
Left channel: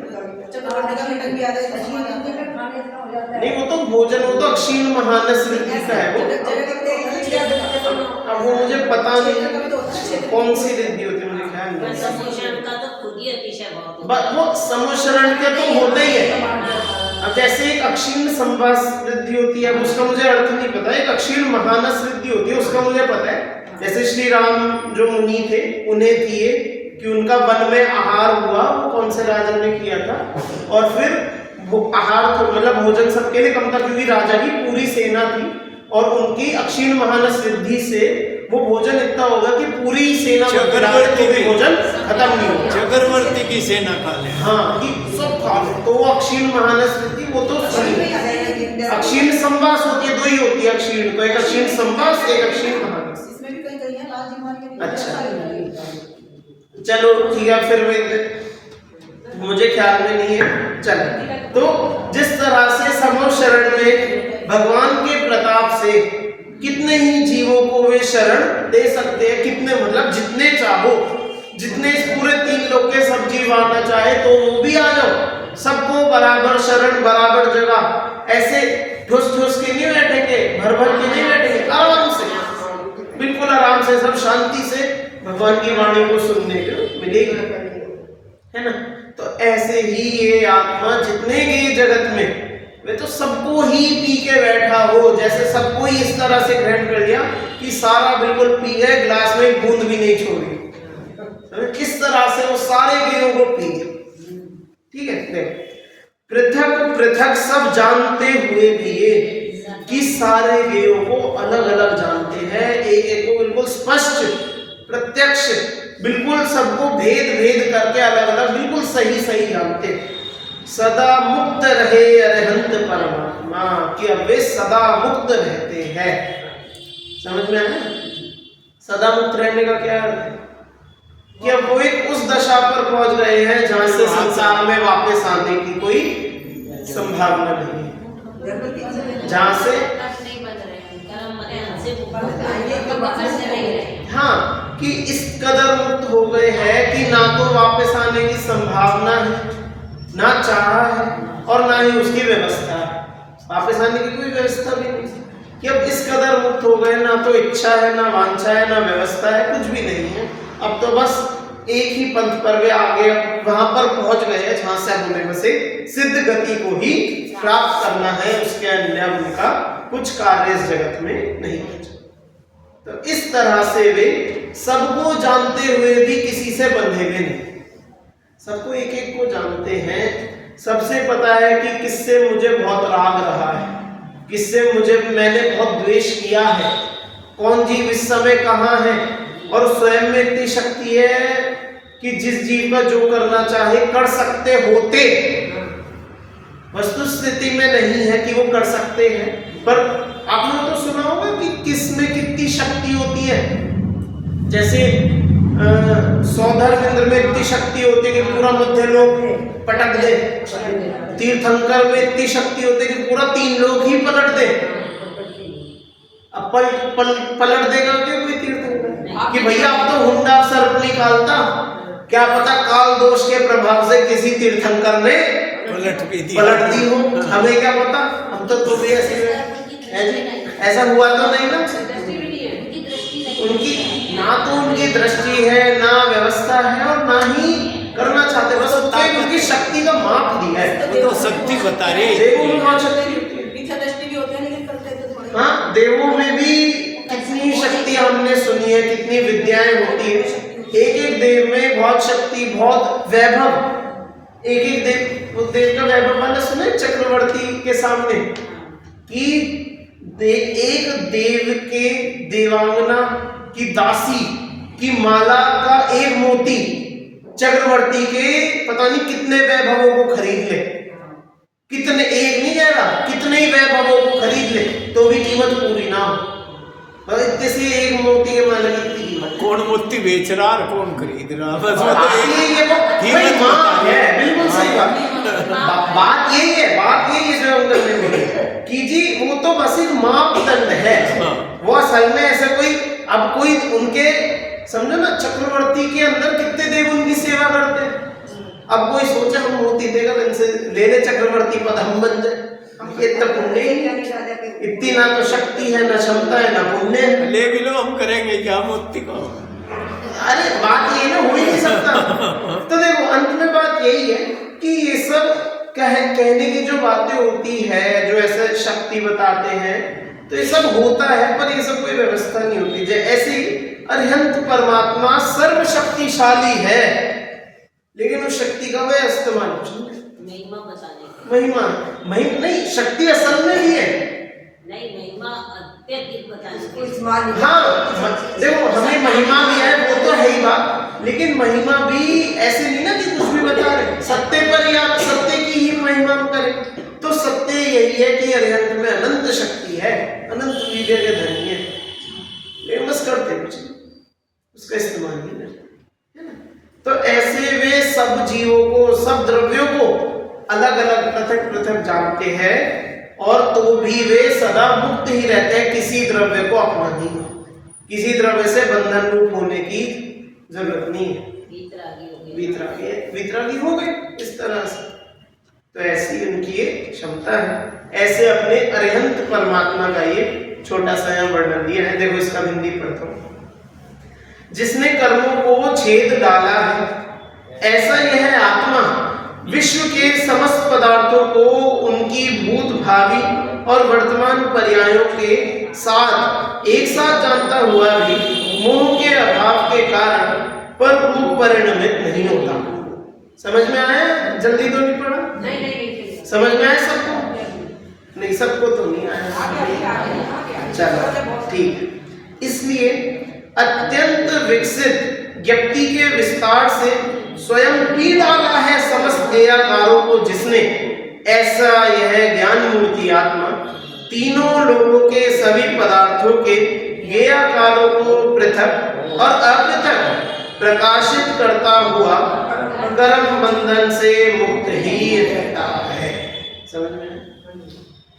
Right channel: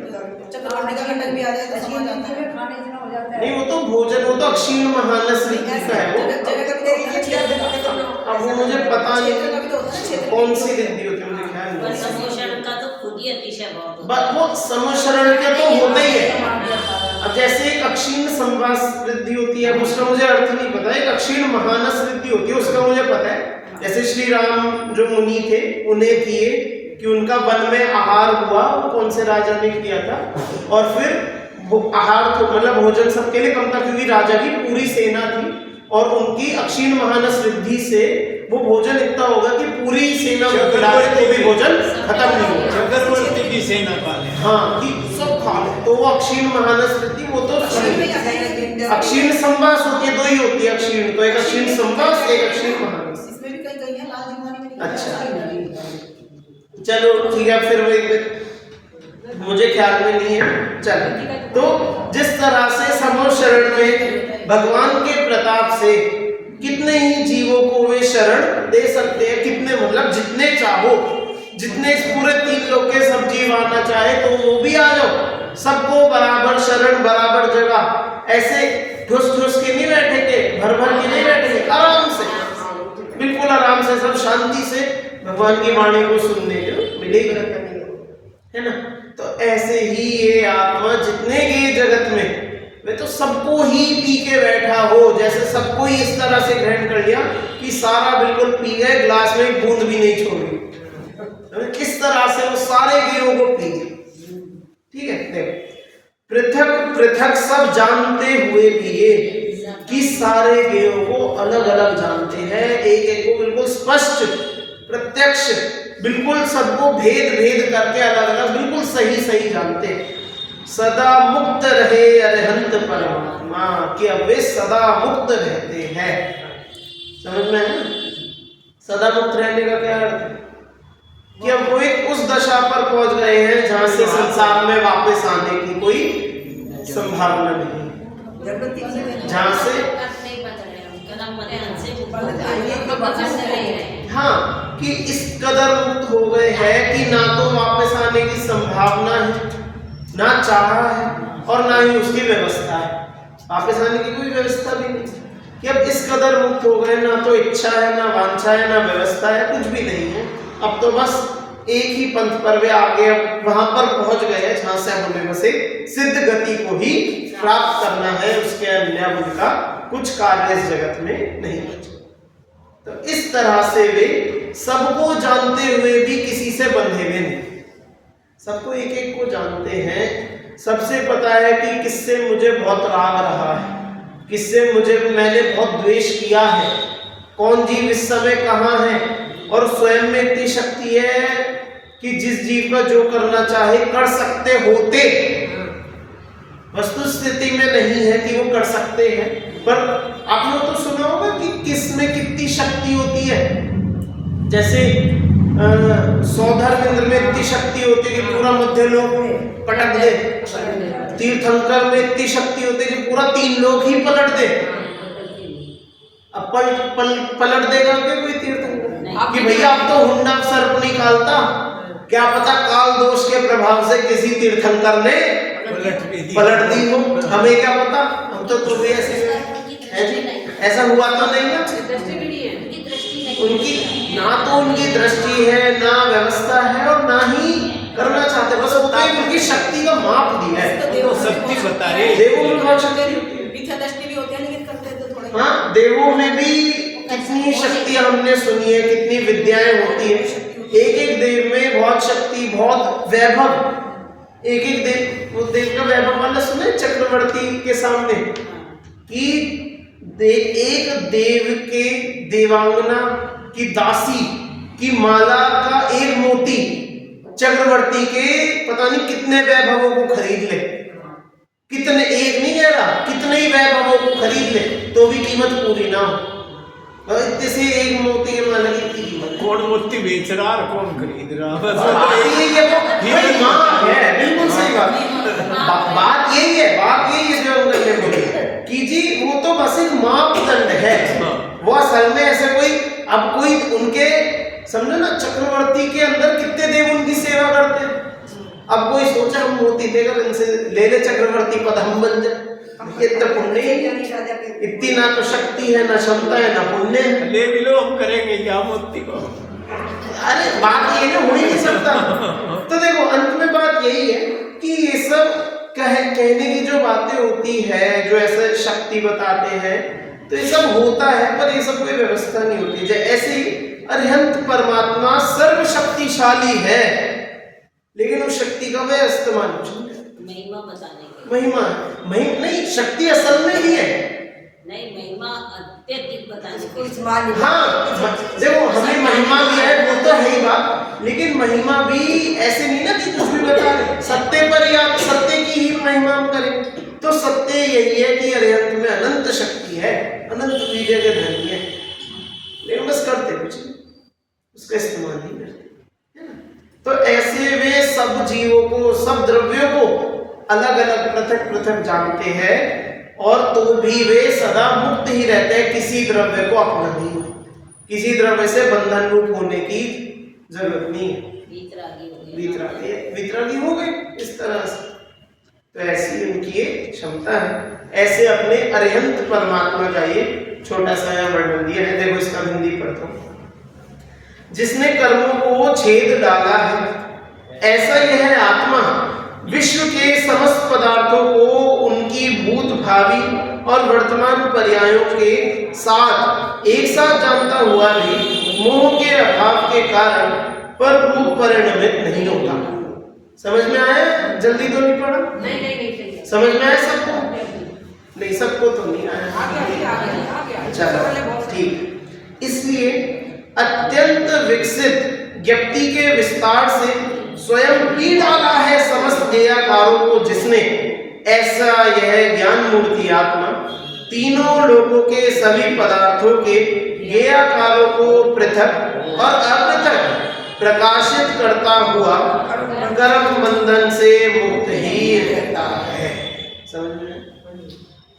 चक्रवर्ती का घटक भी आ जाता है। नहीं वो तो भोजन, वो तो अक्षीण महानस रिद्धि का है वो। अब वो मुझे पता नहीं कौन सी रिद्धि होती है, मुझे ख्याल नहीं। समोशरण का तो खुद ही अतिशय बहुत बस वो समोशरण का तो होता ही है। अब जैसे एक अक्षीण संवास रिद्धि होती है, उसका मुझे अर्थ नहीं पता। एक अक्षीण महानस रिद्धि होती है, उसका मुझे पता है। जैसे श्री राम जो मुनि थे, उन्हें थी ये कि उनका वन में आहार हुआ, वो कौन से राजा ने किया था, और फिर आहार तो मतलब भोजन सबके लिए कम था, क्योंकि राजा की पूरी सेना थी, और उनकी अक्षीण महानस रिद्धि से वो भोजन इतना होगा कि पूरी सेना को खिलाए तो भी भोजन खत्म नहीं होगा। चक्रवर्ती की सेना का है। हाँ, कि सब खा ले, तो वो अक्षीण महानस रिद्धि वो तो अक्षीण संवास होती है, 2 ही होती है अक्षीण, तो एक अक्षीण संवास, एक अक्षीण महानस। इसमें भी कहीं है लाल जीवानी में। अच्छा चलो ठीक है, फिर वो मुझे ख्याल में नहीं है। चलो, तो जिस तरह से समो शरण में भगवान के प्रताप से कितने ही जीवों को वे शरण दे सकते हैं, कितने मतलब जितने चाहो, जितने इस पूरे 3 लोक के सब जीव आना चाहे तो वो भी आ जाओ, सबको बराबर शरण, बराबर जगह। ऐसे ठुस ठुस के नहीं बैठेंगे, भर भर के नहीं बैठेंगे, आराम से, बिल्कुल आराम से, सब शांति से भगवान की वाणी को सुनने को मिलेगी, है ना। तो ऐसे ही ये आत्मा जितने के जगत में, वे तो सबको ही पी के बैठा हो, जैसे सबको ही इस तरह से ग्रहण कर लिया कि सारा बिल्कुल पी गए, ग्लास में बूंद भी नहीं छोड़ी। किस तरह से वो सारे गेयों को पी गए। ठीक है, देखो, पृथक पृथक सब जानते हुए भी ये कि सारे गेयों को अलग अलग जानते हैं, एक एक को बिल्कुल स्पष्ट प्रत्यक्ष, बिल्कुल सबको भेद भेद करके अलग अलग बिल्कुल सही सही जानते हैं। सदा मुक्त रहे अरहंत परमात्मा, कि अब वे सदा मुक्त रहते हैं। समझ में है? सदा मुक्त रहने का क्या अर्थ है? कि अब वो एक उस दशा पर पहुंच गए हैं जहां से संसार में वापस आने की कोई संभावना नहीं, जहां से हाँ, कि इस कदर मुक्त हो गए हैं कि ना तो वापस आने की संभावना है, ना चाहा है, और ना ही उसकी व्यवस्था है। वापस आने की कोई व्यवस्था भी नहीं, कि अब इस कदर मुक्त हो गए, ना तो इच्छा है, ना वांछा है, ना व्यवस्था है, कुछ भी नहीं है। अब तो बस एक ही पंथ पर वे आगे वहां पर पहुंच गए हैं जहां से हमें बस एक सिद्ध गति को ही प्राप्त करना है, उसके अन्य उनका कुछ कार्य इस जगत में नहीं बचा। तो इस तरह से वे सबको जानते हुए भी किसी से बंधे हुए नहीं, सबको एक एक को जानते हैं। सबसे पता है कि किससे मुझे बहुत राग रहा है, किससे मैंने बहुत द्वेष किया है, कौन जीव इस समय कहाँ है, और स्वयं में इतनी शक्ति है कि जिस जीव का जो करना चाहे कर सकते होते, वस्तु स्थिति में नहीं है कि वो कर सकते हैं। पर आपने तो सुना होगा कि किसमें कितनी शक्ति होती है। जैसे सौधर्मेंद्र में इतनी शक्ति होती है कि पूरा मध्य लोक पटक दे, तीर्थंकर में इतनी शक्ति होती है कि पूरा 3 लोग ही पलट दे। अब पलट देगा क्या कोई तीर्थंकर कि भैया अब तो हुंडा सर्प निकालता? क्या पता काल दोष के प्रभाव से किसी तीर्थंकर ने पलट दी हो, हमें क्या पता। हम तो भी ऐसे ऐसा हुआ तो नहीं ना। उनकी ना तो उनकी दृष्टि है, ना व्यवस्था है, और ना ही करना चाहते। बस उनकी शक्ति का माप दिया है, तो शक्ति बता रहे। देवों में बहुत शक्ति होती है। हाँ, देवों में भी कितनी शक्तियां हमने सुनी है, कितनी विद्याएं होती है। एक एक देव में बहुत शक्ति, बहुत वैभव। एक एक देव, वो देव का वैभव वाला सुने चक्रवर्ती के सामने कि एक देव के देवांगना की दासी की माला का एक मोती चक्रवर्ती के पता नहीं कितने वैभवों को खरीद ले। कितने, एक नहीं कह रहा, कितने ही वैभवों को खरीद ले तो भी कीमत पूरी ना हो। इतने से एक मोती के माला की इतनी कीमत। कौन मोती बेच रहा और कौन खरीद रहा, बस बिल्कुल सही बात यही है। बात यही है जो अंकल ने बोली कि जी वो तो बस एक मापदंड है। वो असल में ऐसे कोई, अब कोई उनके समझो ना, चक्रवर्ती के अंदर कितने देव उनकी सेवा करते हैं। अब कोई सोचा हम मोती देकर इनसे ले ले चक्रवर्ती पद, हम बन जाए। इतना पुण्य ही है, इतनी ना तो शक्ति है, ना क्षमता है, ना पुण्य है। ले भी लो, हम करेंगे क्या मोती को? अरे बात ये ना, हो ही नहीं सकता। तो देखो अंत में बात यही है कि ये सब कहने की जो बातें होती है, जो ऐसे शक्ति बताते हैं, तो ये सब होता है, पर ये सब कोई व्यवस्था नहीं होती। जैसे ऐसे ही अरिहंत परमात्मा सर्वशक्तिशाली है, लेकिन उस शक्ति का वह इस्तेमाल महिमा बताने के, महिमा नहीं, शक्ति असल में भी है। नहीं, महिमा अत्यधिक बताने के। हाँ देखो, हमें महिमा भी है, वो तो है ही बात, लेकिन महिमा भी ऐसे नहीं ना कि कुछ भी बता रहे सत्य पर, या सत्य की ही महिमा करें। तो सत्य यही है कि अरिहंत में अनंत शक्ति है, अनंत वीर्य के धनी है, लेकिन बस करते कुछ नहीं, उसका इस्तेमाल नहीं करते, है ना। तो ऐसे वे सब जीवों को, सब द्रव्यों को अलग अलग पृथक पृथक जानते हैं, और तो भी वे सदा मुक्त ही रहते हैं, किसी द्रव्य को अपना नहीं मानते, किसी द्रव्य से बंधन रूप होने की जरूरत नहीं है। वितरागी हो गए इस तरह से। तो ऐसी उनकी ये क्षमता है। ऐसे अपने अरिहंत परमात्मा का ये छोटा सा यहाँ वर्णन दिया है। देखो इसका हिंदी पढ़ता हूँ। जिसने कर्मों को छेद डाला है, ऐसा यह है आत्मा विश्व के समस्त पदार्थों को उनकी भूत, भावी और वर्तमान पर्यायों के साथ एक साथ जानता हुआ भी मोह के अभाव के कारण पर रूप परिणमित नहीं होता। समझ में आया? जल्दी तो नहीं पढ़ा? नहीं समझ में आया सबको? नहीं, सबको तो नहीं आया। चलो ठीक। इसलिए अत्यंत विकसित व्यक्ति के विस्तार से स्वयं पी डाला है समस्त एकारों को जिसने, ऐसा यह ज्ञान मूर्ति आत्मा तीनों लोगों के सभी पदार्थों के ज्ञेयाकारों को पृथक और अपृथक प्रकाशित करता हुआ कर्म बंधन से मुक्त ही रहता है। समझ में?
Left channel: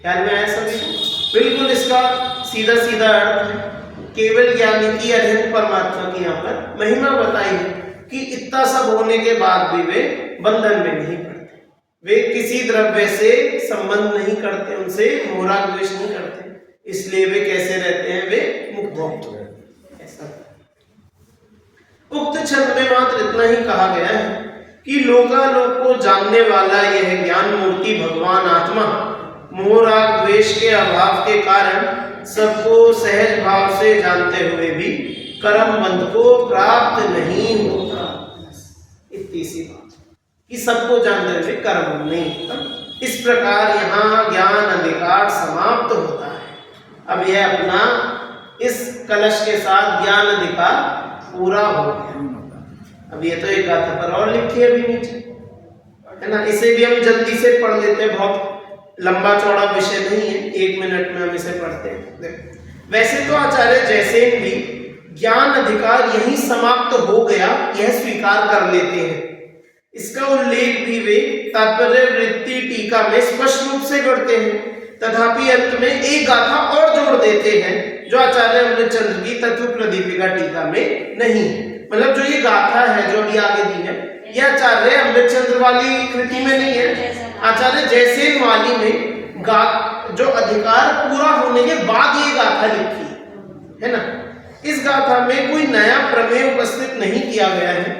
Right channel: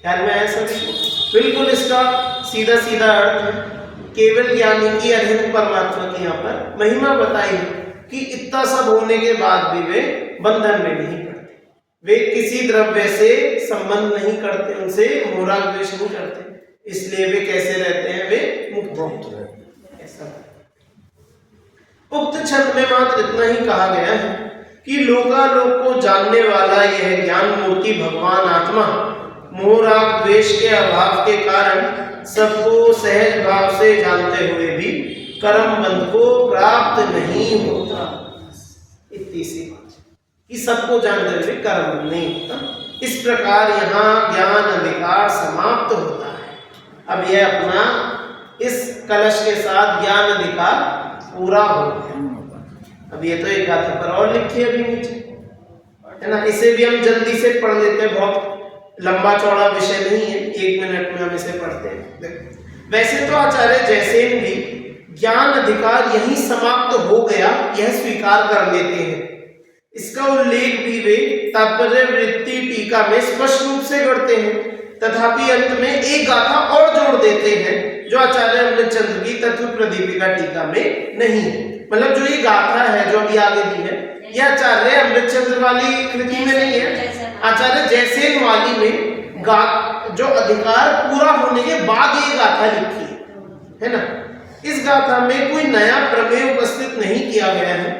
ख्याल में आया सभी को? बिल्कुल इसका सीधा सीधा अर्थ है। केवल ज्ञानी की अरिहंत परमात्मा की यहाँ पर महिमा बताई है कि इतना सब होने के बाद भी वे बंधन में नहीं पड़ते, वे किसी द्रव्य से संबंध नहीं करते, उनसे मोह द्वेष नहीं करते, इसलिए वे कैसे रहते हैं? वे मुक्त रहते हैं। ऐसा उक्त छंद में मात्र इतना ही कहा गया है कि लोकालोक को जानने वाला यह ज्ञान मूर्ति भगवान आत्मा मोह राग द्वेष के अभाव के कारण सबको सहज भाव से जानते हुए भी कर्म बंध को प्राप्त नहीं होता। इतनी सी बात कि सबको जानते हुए कर्म नहीं होता। इस प्रकार यहाँ ज्ञान अधिकार समाप्त होता है। अब यह अपना इस कलश के साथ ज्ञान अधिकार पूरा हो गया। अब ये तो एक गाथा पर और लिखी है अभी नीचे, है ना। इसे भी हम जल्दी से पढ़ लेते हैं, बहुत लंबा चौड़ा विषय नहीं है, 1 मिनट में हम इसे पढ़ते हैं। देखो, वैसे तो आचार्य जैसेन भी ज्ञान अधिकार यही समाप्त हो गया यह स्वीकार कर लेते हैं, इसका उल्लेख भी वे तात्पर्य वृत्ति टीका में स्पष्ट रूप से करते हैं, तथापि अंत में एक गाथा और जोड़ देते हैं जो आचार्य अमृतचंद्र की तत्व प्रदीपिका टीका में नहीं है। मतलब जो ये गाथा है जो अभी आगे दी है, यह आचार्य अमृतचंद्र वाली कृति में नहीं है, आचार्य जयसेन वाली में जो अधिकार पूरा होने के बाद ये गाथा लिखी है ना। इस गाथा में कोई नया प्रमेय उपस्थित नहीं किया गया है,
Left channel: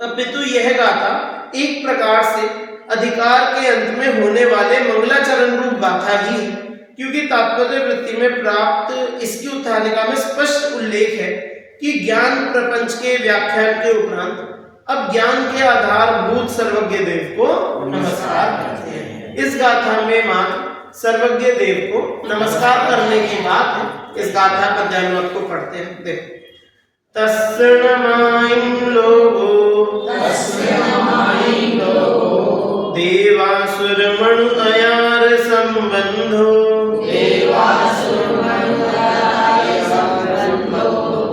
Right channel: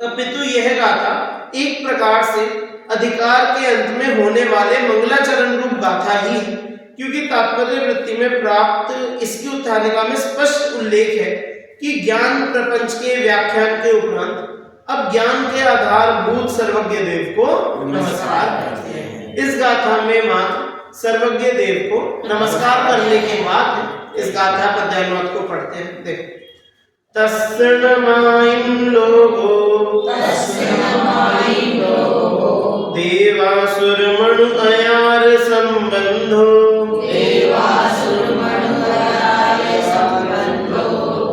अपितु यह गाथा एक प्रकार से अधिकार के अंत में होने वाले मंगलाचरण रूप गाथा ही है, क्योंकि तात्पर्य वृत्ति में प्राप्त इसकी उत्थानिका में स्पष्ट उल्लेख है कि ज्ञान प्रपंच के व्याख्यान के उपरांत अब ज्ञान के आधारभूत सर्वज्ञ देव को नमस्कार करते हैं। इस गाथा में मात्र सर्वज्ञ देव को नमस्कार करने के बाद इस गाथा पद्यानुवाद को पढ़ते हैं। देखो, तस्सनमाइन लोगो देवासुर मनु अयार संबंधो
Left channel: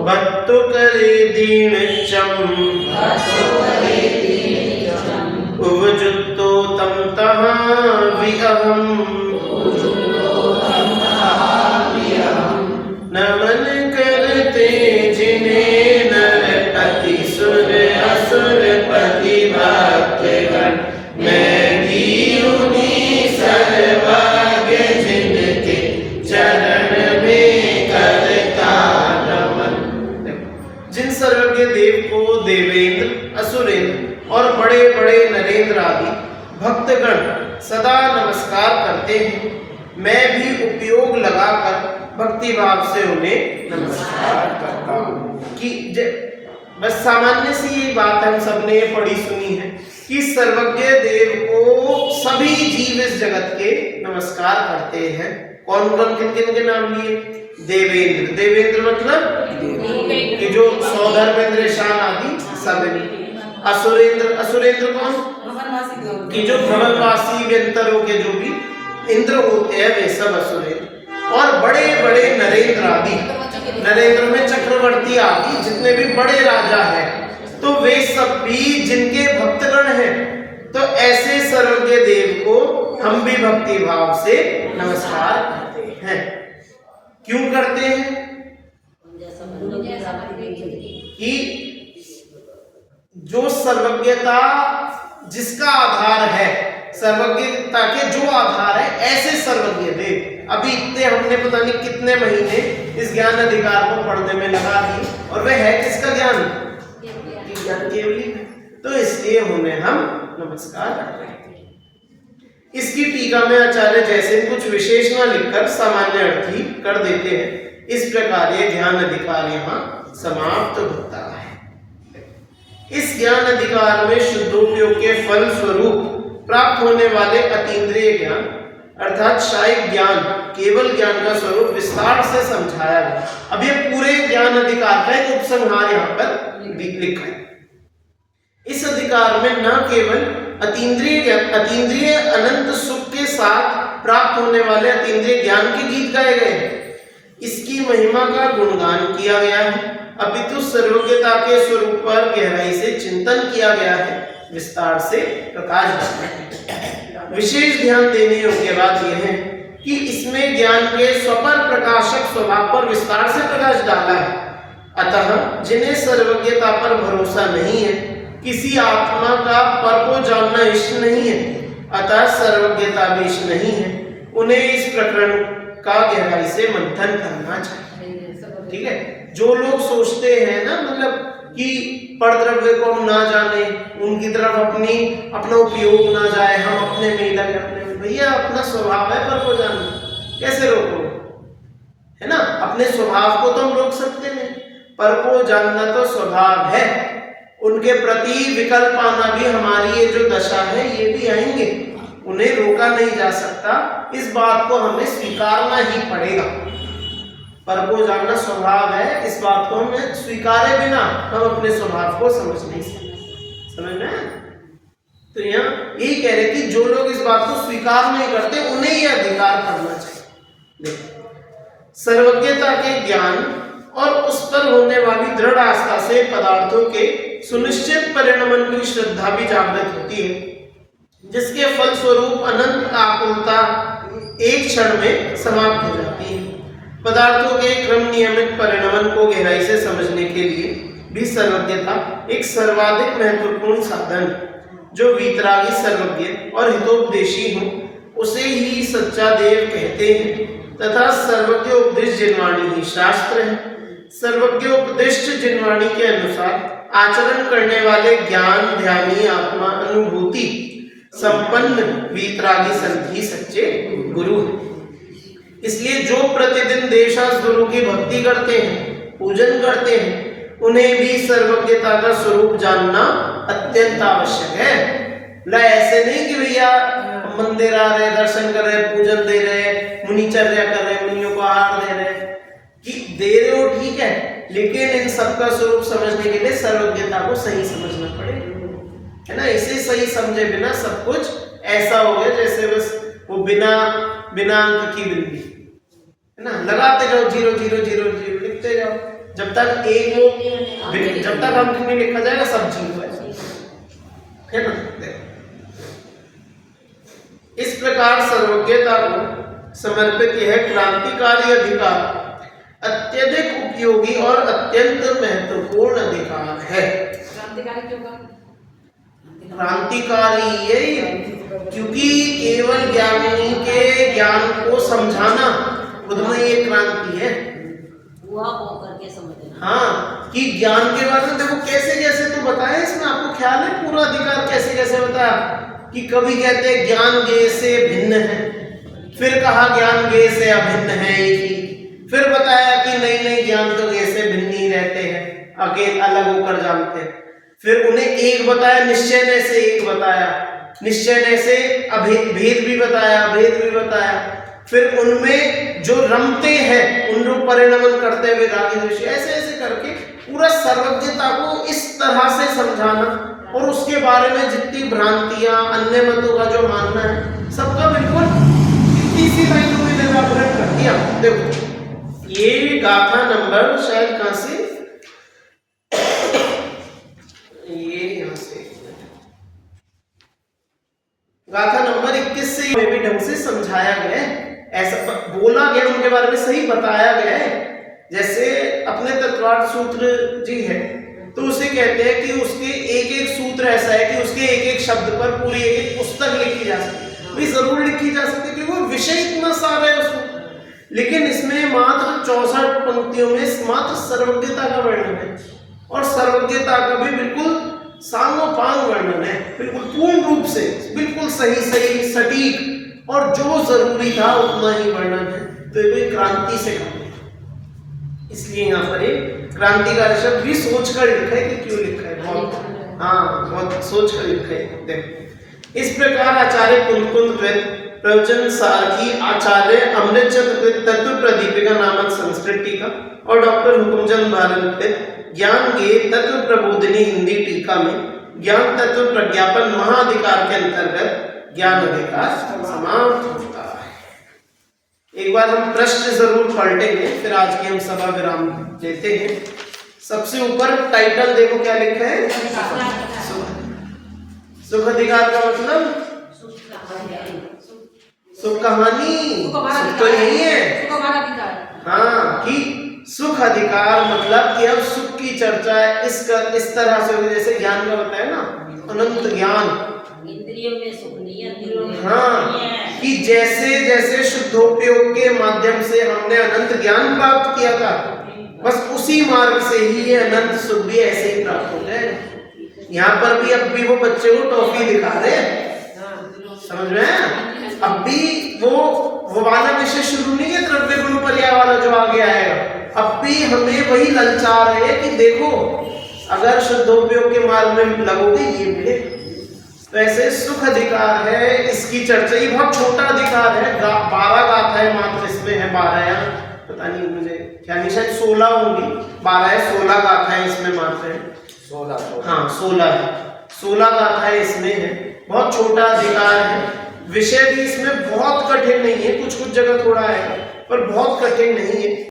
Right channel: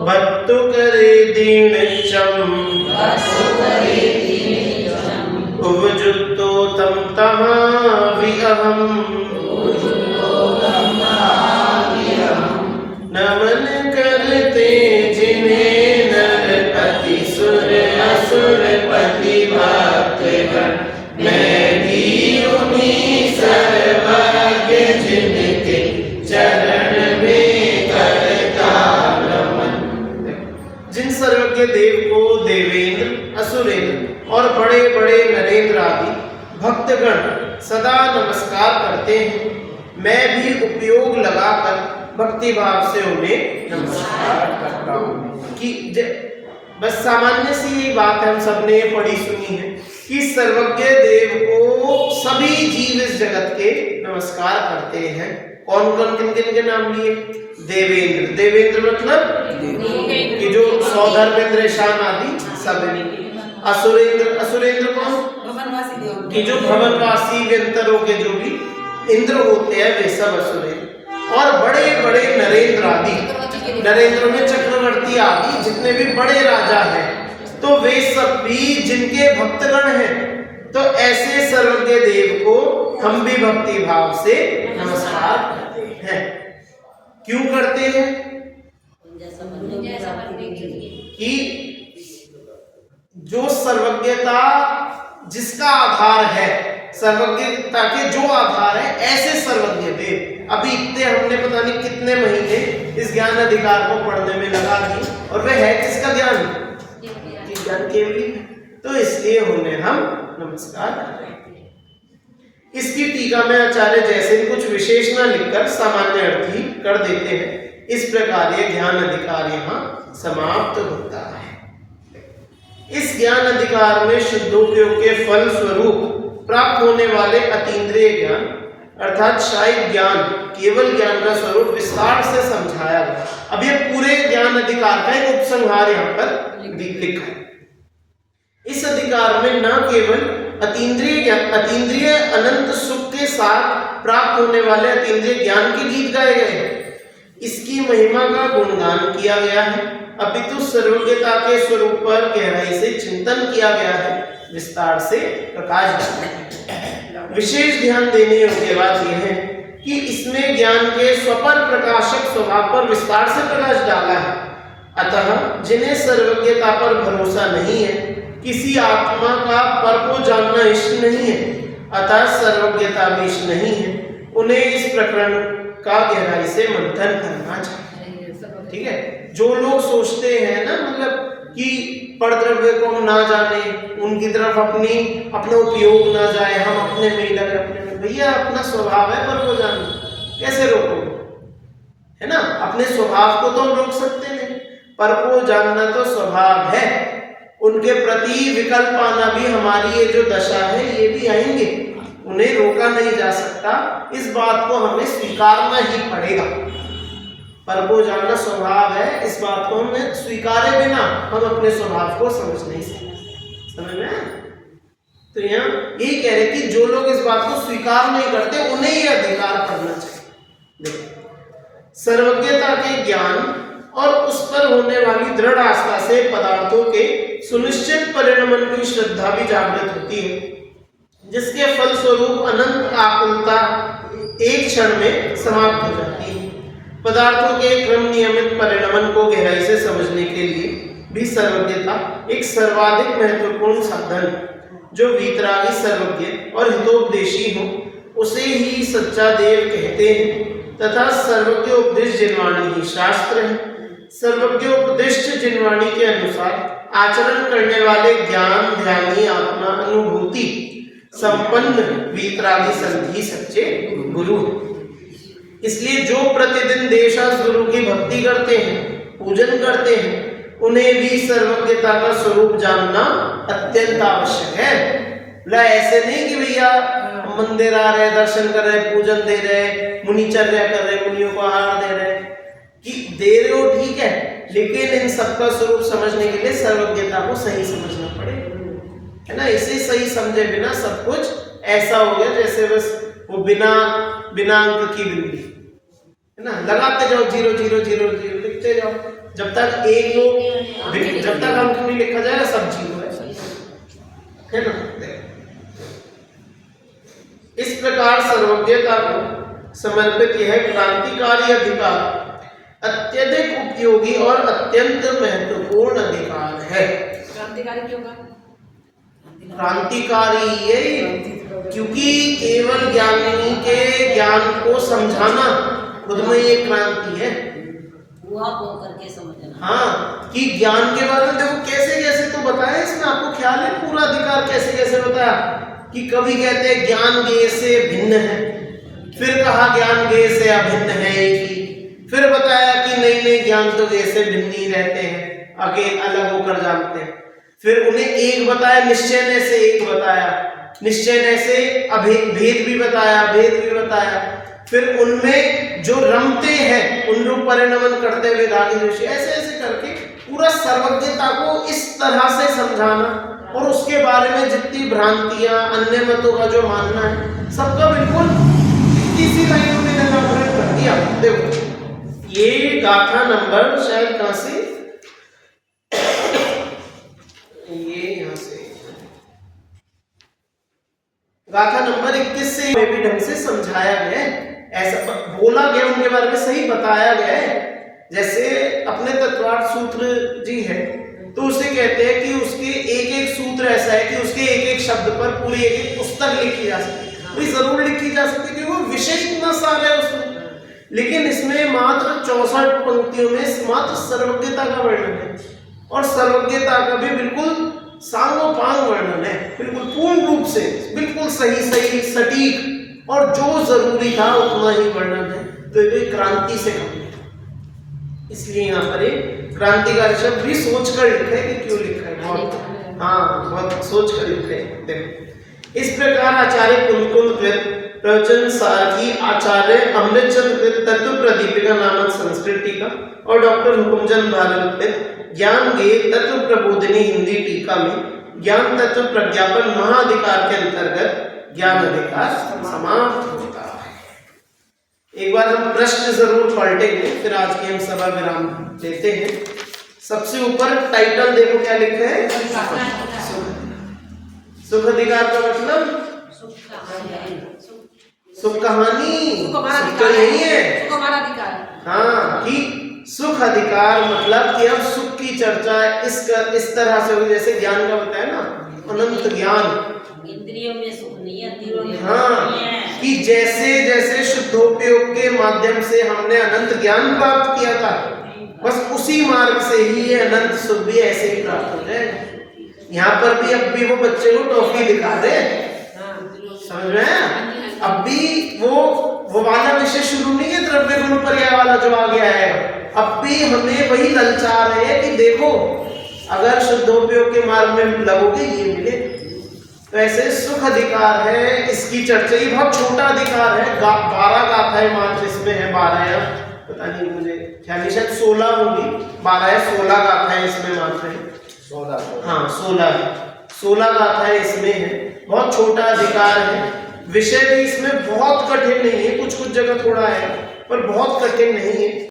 भक्तो करे दीन चम उवजुक्तो तम तहाँ विअहम नमन करते जिन्हें नर अति सुर असुर पति भक्तगण, मैं भी उन्हीं सर्वज्ञ जिनके चरण में करता नमन। जिन सर्वज्ञ देव को देवेंद्र, असुरेंद्र और बड़े बड़े नरेंद्र आदि भक्तगण सदा नमस्कार करते हैं, मैं भी उपयोग लगाकर भक्ति भाव से उन्हें नमस्कार करता हूँ। कि बस सामान्य सी ये बात हम सबने पढ़ी सुनी है कि सर्वज्ञ देव को सभी जीव इस जगत के नमस्कार करते हैं। कौन कौन किन किन के नाम लिए? देवेंद्र, देवेंद्र मतलब कि जो सौधर्मेंद्र शाम आदि सब। असुरेंद्र, असुरेंद्र कौन? कि जो भवनवासी व्यंतरों के जो भी इंद्र होते हैं वे सब असुरेंद्र। और बड़े बड़े नरेंद्र आदि, नरेंद्र में चक्रवर्ती आदि जितने भी बड़े राजा हैं, तो वे सब भी जिनके भक्तगण हैं, तो ऐसे सर्वज्ञ देव को हम भी भक्ति भाव से नमस्कार करते हैं। क्यों करते हैं? कि जो सर्वज्ञता जिसका आधार है, सर्वज्ञता के जो आधार है, ऐसे सर्वज्ञ देव। अभी इतने हमने पता नहीं कितने महीने इस ज्ञान अधिकार को पढ़ने में लगा दिए, और वह है किसका ज्ञान? ज्ञान केवली। तो इसलिए उन्हें हम नमस्कार करते हैं। इसकी टीका में आचार्य जैसे कुछ विशेष न लिखकर सामान्य अर्थ ही कर देते हैं। इस प्रकार ये ज्ञान अधिकार यहाँ समाप्त होता है। इस ज्ञान अधिकार में शुद्धोपयोग के फल स्वरूप प्राप्त होने वाले अतीन्द्रिय ज्ञान अर्थात शायद ज्ञान, केवल ज्ञान का स्वरूप विस्तार से समझाया गया। अब ये पूरे ज्ञान अधिकार का एक उपसंहार यहाँ पर लिखा है। इस अधिकार में न केवल अतीन्द्रिय अनंत सुख के साथ प्राप्त होने वाले अतीन्द्रिय ज्ञान के गीत गाए गए हैं, इसकी महिमा का गुणगान किया गया है, अपितु सर्वज्ञता के स्वरूप पर गहराई से चिंतन किया गया है, विस्तार से प्रकाश डाला है। विशेष ध्यान देने योग्य बात यह है कि इसमें ज्ञान के स्वपर प्रकाशक स्वभाव पर विस्तार से प्रकाश डाला है। अतः जिन्हें सर्वज्ञता पर भरोसा नहीं है, किसी आत्मा का पर को जानना इष्ट नहीं है, अतः सर्वज्ञता भी इष्ट नहीं है, उन्हें इस प्रकरण का गहराई से मंथन करना चाहिए। ठीक है, जो लोग सोचते हैं ना, मतलब कि परद्रव्य को हम ना जाने, उनकी तरफ अपना उपयोग ना जाए, हम अपने में ही लगे, अपने में। भैया अपना स्वभाव है पर को जानना, कैसे रोकोगे? है ना, अपने स्वभाव को तो हम रोक सकते नहीं, पर को जानना तो स्वभाव है। उनके प्रति विकल्प आना भी हमारी ये जो दशा है, ये भी आएंगे, उन्हें रोका नहीं जा सकता। इस बात को हमें स्वीकारना ही पड़ेगा। पर को जानना स्वभाव है, इस बात को हमें स्वीकारे बिना हम अपने स्वभाव को समझ नहीं सकते। समझ में? तो यहाँ यही कह रहे कि जो लोग इस बात को स्वीकार नहीं करते, उन्हें ये अधिकार करना चाहिए। देखो, सर्वज्ञता के ज्ञान और उस पर होने वाली दृढ़ आस्था से पदार्थों के सुनिश्चित परिणमन की श्रद्धा भी जागृत होती है, जिसके फलस्वरूप अनंत आकुलता एक क्षण में समाप्त हो जाती है। पदार्थों के क्रम नियमित परिणमन को गहराई से समझने के लिए भी सर्वज्ञता एक सर्वाधिक महत्वपूर्ण साधन। जो वीतरागी सर्वज्ञ और हितोपदेशी हो उसे ही सच्चा देव कहते हैं, तथा सर्वज्ञ उपदेश जिनवाणी ही शास्त्र है। सर्वज्ञ उपदिष्ट जिनवाणी के अनुसार आचरण करने वाले ज्ञान ध्यानी आत्मा अनुभूति संपन्न वीतरागी संत ही सच्चे गुरु। इसलिए जो प्रतिदिन देशास गुरु की भक्ति करते हैं, पूजन करते हैं, उन्हें भी सर्वज्ञता का स्वरूप जानना अत्यंत आवश्यक है। ऐसे नहीं कि भैया मंदिर आ रहे, दर्शन कर रहे, पूजन दे रहे, मुनिचर्या कर रहे, मुनियों को आहार दे रहे, कि दे रहे हो ठीक है, लेकिन इन सबका स्वरूप समझने के लिए सर्वज्ञता को सही समझना पड़ेगा, है ना। इसे सही समझे बिना सब कुछ ऐसा हो गया जैसे बस वो बिना अंक की बिंदी, है ना, लगाते जाओ 0 0 0 0 लिखते जाओ, जब तक जब तक अंक नहीं लिखा जाएगा सब 0 है ना। इस प्रकार सर्वज्ञता को समर्पित यह क्रांतिकारी अधिकार अत्यधिक उपयोगी और अत्यंत महत्वपूर्ण अधिकार है। क्रांतिकारी क्यों कहा? क्रांतिकारी ये क्योंकि केवल ज्ञानी के ज्ञान को समझाना खुद में ये क्रांति है। हुआ हो करके समझना। हाँ, कि ज्ञान के बारे में देखो कैसे कैसे तो बताया इसमें, आपको ख्याल है पूरा अधिकार कैसे कैसे बताया कि कभी कहते हैं ज्ञान ज्ञेय से भिन्न है, फिर कहा ज्ञान ज्ञेय से अभिन्न है एक ही, फिर बताया कि नहीं ज्ञान तो ज्ञेय से भिन्न ही रहते हैं, आगे अलग होकर जानते हैं, फिर उन्हें एक बताया निश्चय ने से एक बताया, निश्चय ने से भेद भी बताया, भेद भी बताया, फिर उनमें जो रमते हैं उन रूप परिणमन करते हुए रागी ऋषि ऐसे ऐसे करके पूरा सर्वज्ञता को इस तरह से समझाना, और उसके बारे में जितनी भ्रांतियां अन्य मतों का जो मानना है सबका बिल्कुल इसी लाइनों में निराकरण कर दिया। देखो ये गाथा नंबर शायद कहां से, ये यहां से गाथा नंबर 21 से में भी ढंग से समझाया गया है, ऐसा बोला गया, उनके बारे में सही बताया गया है। जैसे अपने तत्वार्थ सूत्र जी है तो उसे कहते हैं कि उसके एक एक सूत्र ऐसा है कि उसके एक एक शब्द पर पूरी एक एक पुस्तक लिखी जा सकती है, वही जरूर लिखी जा सकती है क्योंकि वो विषय इतना सारा है उसमें। लेकिन इसमें मात्र 64 पंक्तियों में मात्र सर्वज्ञता का वर्णन है, और सर्वज्ञता का भी बिल्कुल सांगोपांग वर्णन है, बिल्कुल पूर्ण रूप से, बिल्कुल सही सटीक, और जो जरूरी था उतना ही वर्णन है। तो ये क्रांति से कम है, इसलिए यहाँ पर एक क्रांतिकारी शब्द भी सोचकर लिखा है कि क्यों लिखा है, बहुत सोचकर लिखा है। देखो इस प्रकार आचार्य कुंद प्रवचन सार की आचार्य अमृतचंद्र तत्व प्रदीपिका नामक संस्कृत टीका और डॉक्टर हुकुमचंद भारत ज्ञान गे तत्व प्रबोधिनी हिंदी टीका में ज्ञान तत्व प्रज्ञापन महाअधिकार के अंतर्गत ज्ञान अधिकार समाप्त होता है। एक बार हम प्रश्न जरूर पलटेंगे, फिर आज की हम सभा विराम लेते हैं। सबसे ऊपर टाइटल देखो क्या लिखा है, सुख अधिकार का मतलब सुख कहानी, सुख तो यही है, हाँ, कि सुख अधिकार मतलब कि अब सुख की चर्चा इस तरह से होगी जैसे ज्ञान का बताया ना, अनंत ज्ञान, इंद्रियों में सुख नहीं है, हाँ, कि जैसे जैसे शुद्धोपयोग के माध्यम से हमने अनंत ज्ञान प्राप्त किया था, बस उसी मार्ग से ही ये अनंत सुख भी ऐसे ही प्राप्त हो जाएगा। यहाँ पर भी अब भी वो बच्चे को टॉफी दिखा रहे, समझ रहे हैं, अब भी वो वाला विषय शुरू नहीं है द्रव्य गुण पर्याय वाला जो आगे आएगा, अब भी हमें वही ललचा रहे हैं कि देखो अगर शुद्धोपयोग के मार्ग में लगोगे ये मिले। तो ऐसे सुख अधिकार है, इसकी चर्चा ही बहुत छोटा अधिकार है, 12 गाथाएं मात्र इसमें है, 12 या पता नहीं मुझे ख्याल नहीं, शायद 16 होंगी, 12 या 16 गाथाएं इसमें मात्र है, 16 हाँ 16 गाथाएं इसमें है, बहुत छोटा अधिकार है। विषय भी इसमें बहुत कठिन नहीं है, कुछ जगह थोड़ा है पर बहुत कठिन नहीं है।